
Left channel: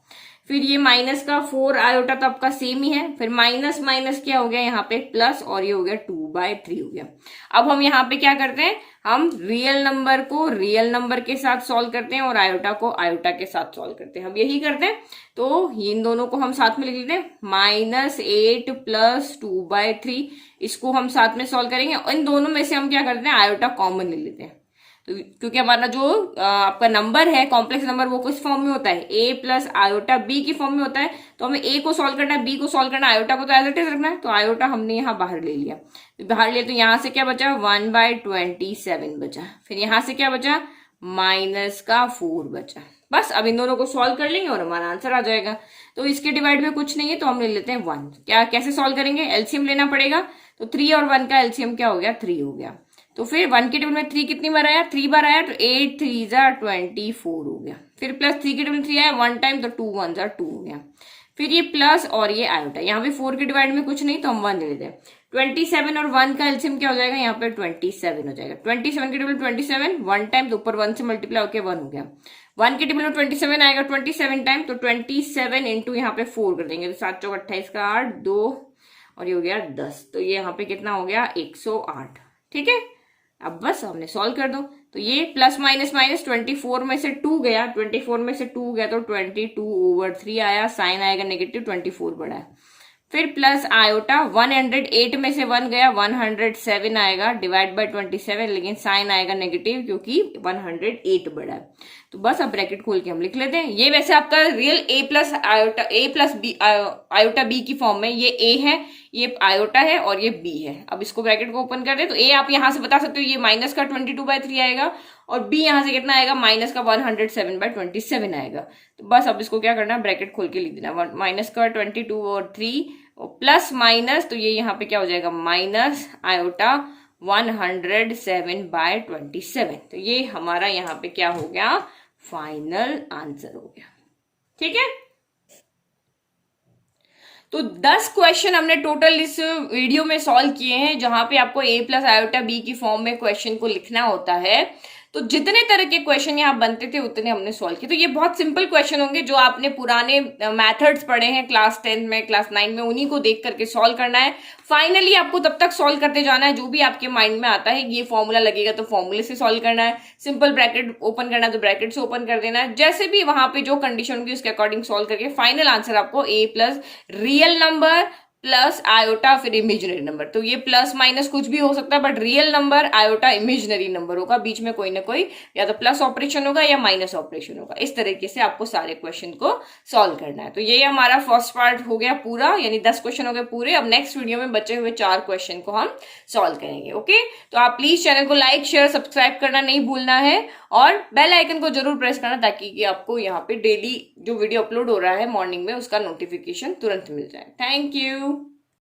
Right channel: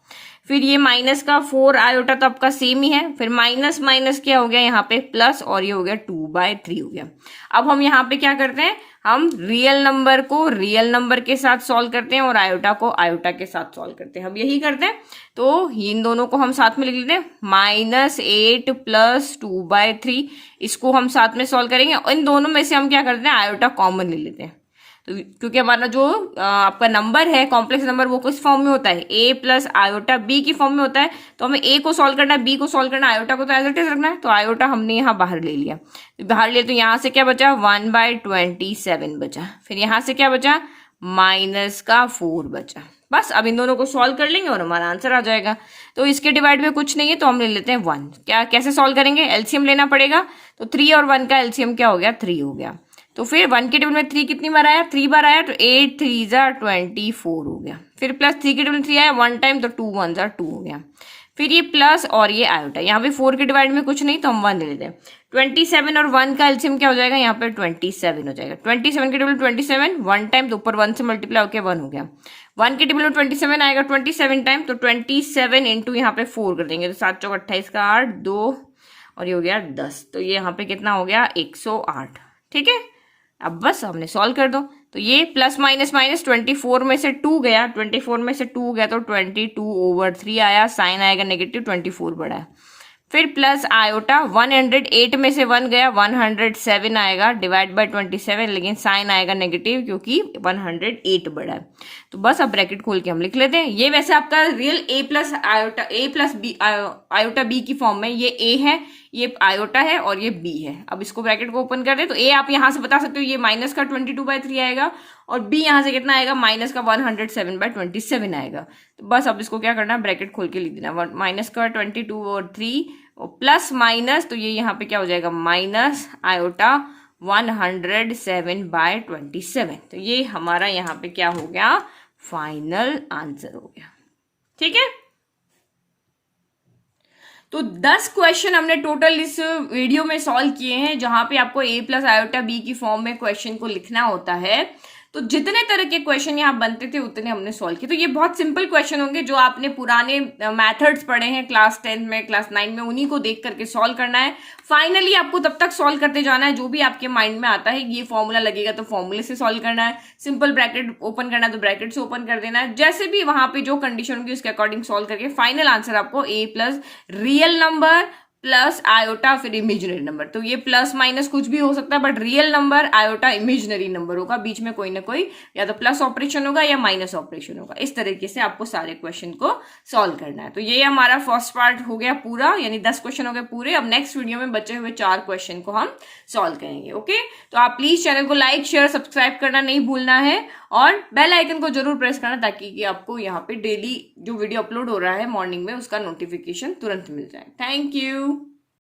फिर ये माइनस का 4 आयोटा तो आपका सेम ही है, फिर माइनस माइनस क्या हो गया यहाँ पे प्लस, और ये हो गया 2/3 हो गया। अब हम यहाँ पे क्या करते हैं, हम रियल नंबर को रियल नंबर के साथ सॉल्व करते हैं और आयोटा को आयोटा के साथ सॉल्व करते हैं, हम यही करते हैं। तो इन दोनों को हम साथ में लिख लेते हैं, -8 + 2/3, इसको हम साथ में सॉल्व करेंगे, और इन दोनों में से हम क्या करते हैं, आयोटा कॉमन ले लेते हैं। तो क्योंकि हमारा जो आपका नंबर है कॉम्प्लेक्स नंबर, वो किस फॉर्म में होता है, a + आयोटा b की फॉर्म में होता है, तो हमें a को सॉल्व करना है, b को सॉल्व करना है, आयोटा को तो एज इट इज रखना है। तो आयोटा हमने यहाँ बाहर ले लिया, बाहर लिया तो यहाँ से क्या बचा, 1/27 बचा। फिर यहाँ से क्या बचा, -4 बचा। बस अब इन दोनों को सॉल्व कर लेंगे और हमारा आंसर आ जाएगा। तो इसके डिवाइड में कुछ नहीं है, तो हम ले लेते हैं 1। क्या कैसे सॉल्व करेंगे, एलसीएम लेना पड़ेगा, तो 3 और 1 का एलसीएम क्या हो गया, 3 हो गया। तो फिर 1 के टेबल में 3 कितनी बार आया, 3 बार आया, तो 8 3 जा 24 हो गया। फिर प्लस 3 के टेबल में 3 आया 1 टाइम, तो 2 1 जा 2 हो गया। फिर ये प्लस और ये आयोटा, यहाँ पे 4 के डिवाइड में कुछ नहीं, तो हम 1 ले लेते हैं। 27 और 1 का एलसीएम क्या हो जाएगा, यहाँ पे 27 हो जाएगा। 27 के टेबल में 27 1 टाइम, तो ऊपर 1 से मल्टीप्लाई होकर 1 हो गया। 1 के टेबल में 27 आएगा 27 टाइम, तो 27 इंटू यहाँ पे 4 कर देंगे, तो 7 चौक 28 का 8 2 और ये हो गया 10, तो ये यहाँ पे कितना हो गया 108। ठीक है, अब बस हमने सॉल्व कर दो, तो ये प्लस माइनस माइनस 24 में से 2 गया, 24 में से 2 गया तो 22/3 आया, साइन आएगा नेगेटिव, 24 बड़ा है, फिर प्लस आयोटा 108 में से 1 गया 107 आएगा डिवाइड बाय 27, लेकिन साइन आएगा नेगेटिव क्योंकि 108 बड़ा है। तो बस अब ब्रैकेट खोल के हम लिख लेते हैं। ये वैसे आपका real a plus iota A plus B iota B की फॉर्म में, ये ए है, ये आयोटा है और ये बी है। अब इसको ब्रैकेट को ओपन कर दे तो ए आप यहां से बता सकते हो ये माइनस का 22/3 आएगा और बी यहां से कितना आएगा माइनस का 107/27 आएगा। तो बस अब इसको क्या करना, ब्रैकेट खोल के लिख देना, माइनस का 22 और 3 और प्लस माइनस, तो ये यहाँ पे क्या हो जाएगा माइनस आयोटा 107/27। तो ये हमारा यहाँ पे क्या हो गया, फाइनल आंसर हो गया। ठीक है, तो 10 क्वेश्चन हमने टोटल इस वीडियो में सॉल्व किए हैं, जहां पे आपको ए प्लस आयोटा बी की फॉर्म में क्वेश्चन को लिखना होता है। तो जितने तरह के क्वेश्चन यहाँ बनते थे उतने हमने सॉल्व किए। तो ये बहुत सिंपल क्वेश्चन होंगे जो आपने पुराने मेथड्स पढ़े हैं क्लास 10 में, क्लास 9 में, उन्हीं को देख करके सॉल्व करना है। फाइनली आपको तब तक सॉल्व करते जाना है जो भी आपके माइंड में आता है। ये फॉर्मूला लगेगा तो फॉर्मूले से सॉल्व करना है, सिंपल ब्रैकेट ओपन करना है तो ब्रैकेट से ओपन कर देना है, जैसे भी वहां पे जो कंडीशन होगी उसके अकॉर्डिंग सॉल्व करके फाइनल आंसर आपको A plus real number plus iota फिर इमेजिनरी नंबर। तो ये प्लस माइनस कुछ भी हो सकता है, but real number iota imaginary number होगा, बीच में कोई ना कोई या तो प्लस ऑपरेशन होगा या माइनस ऑपरेशन होगा। इस तरीके से आपको सारे क्वेश्चन को सॉल्व करना है। तो ये हमारा फर्स्ट पार्ट हो गया पूरा, यानी 10 क्वेश्चन हो गए पूरे। अब नेक्स्ट वीडियो में बचे हुए 4 क्वेश्चन को हम सॉल्व करेंगे। ओके, तो आप प्लीज चैनल को लाइक शेयर सब्सक्राइब करना नहीं भूलना है और बेल आइकन को जरूर प्रेस करना ताकि कि आपको यहाँ पे डेली जो वीडियो अपलोड हो रहा है मॉर्निंग में उसका नोटिफिकेशन तुरंत मिल जाए। Thank you.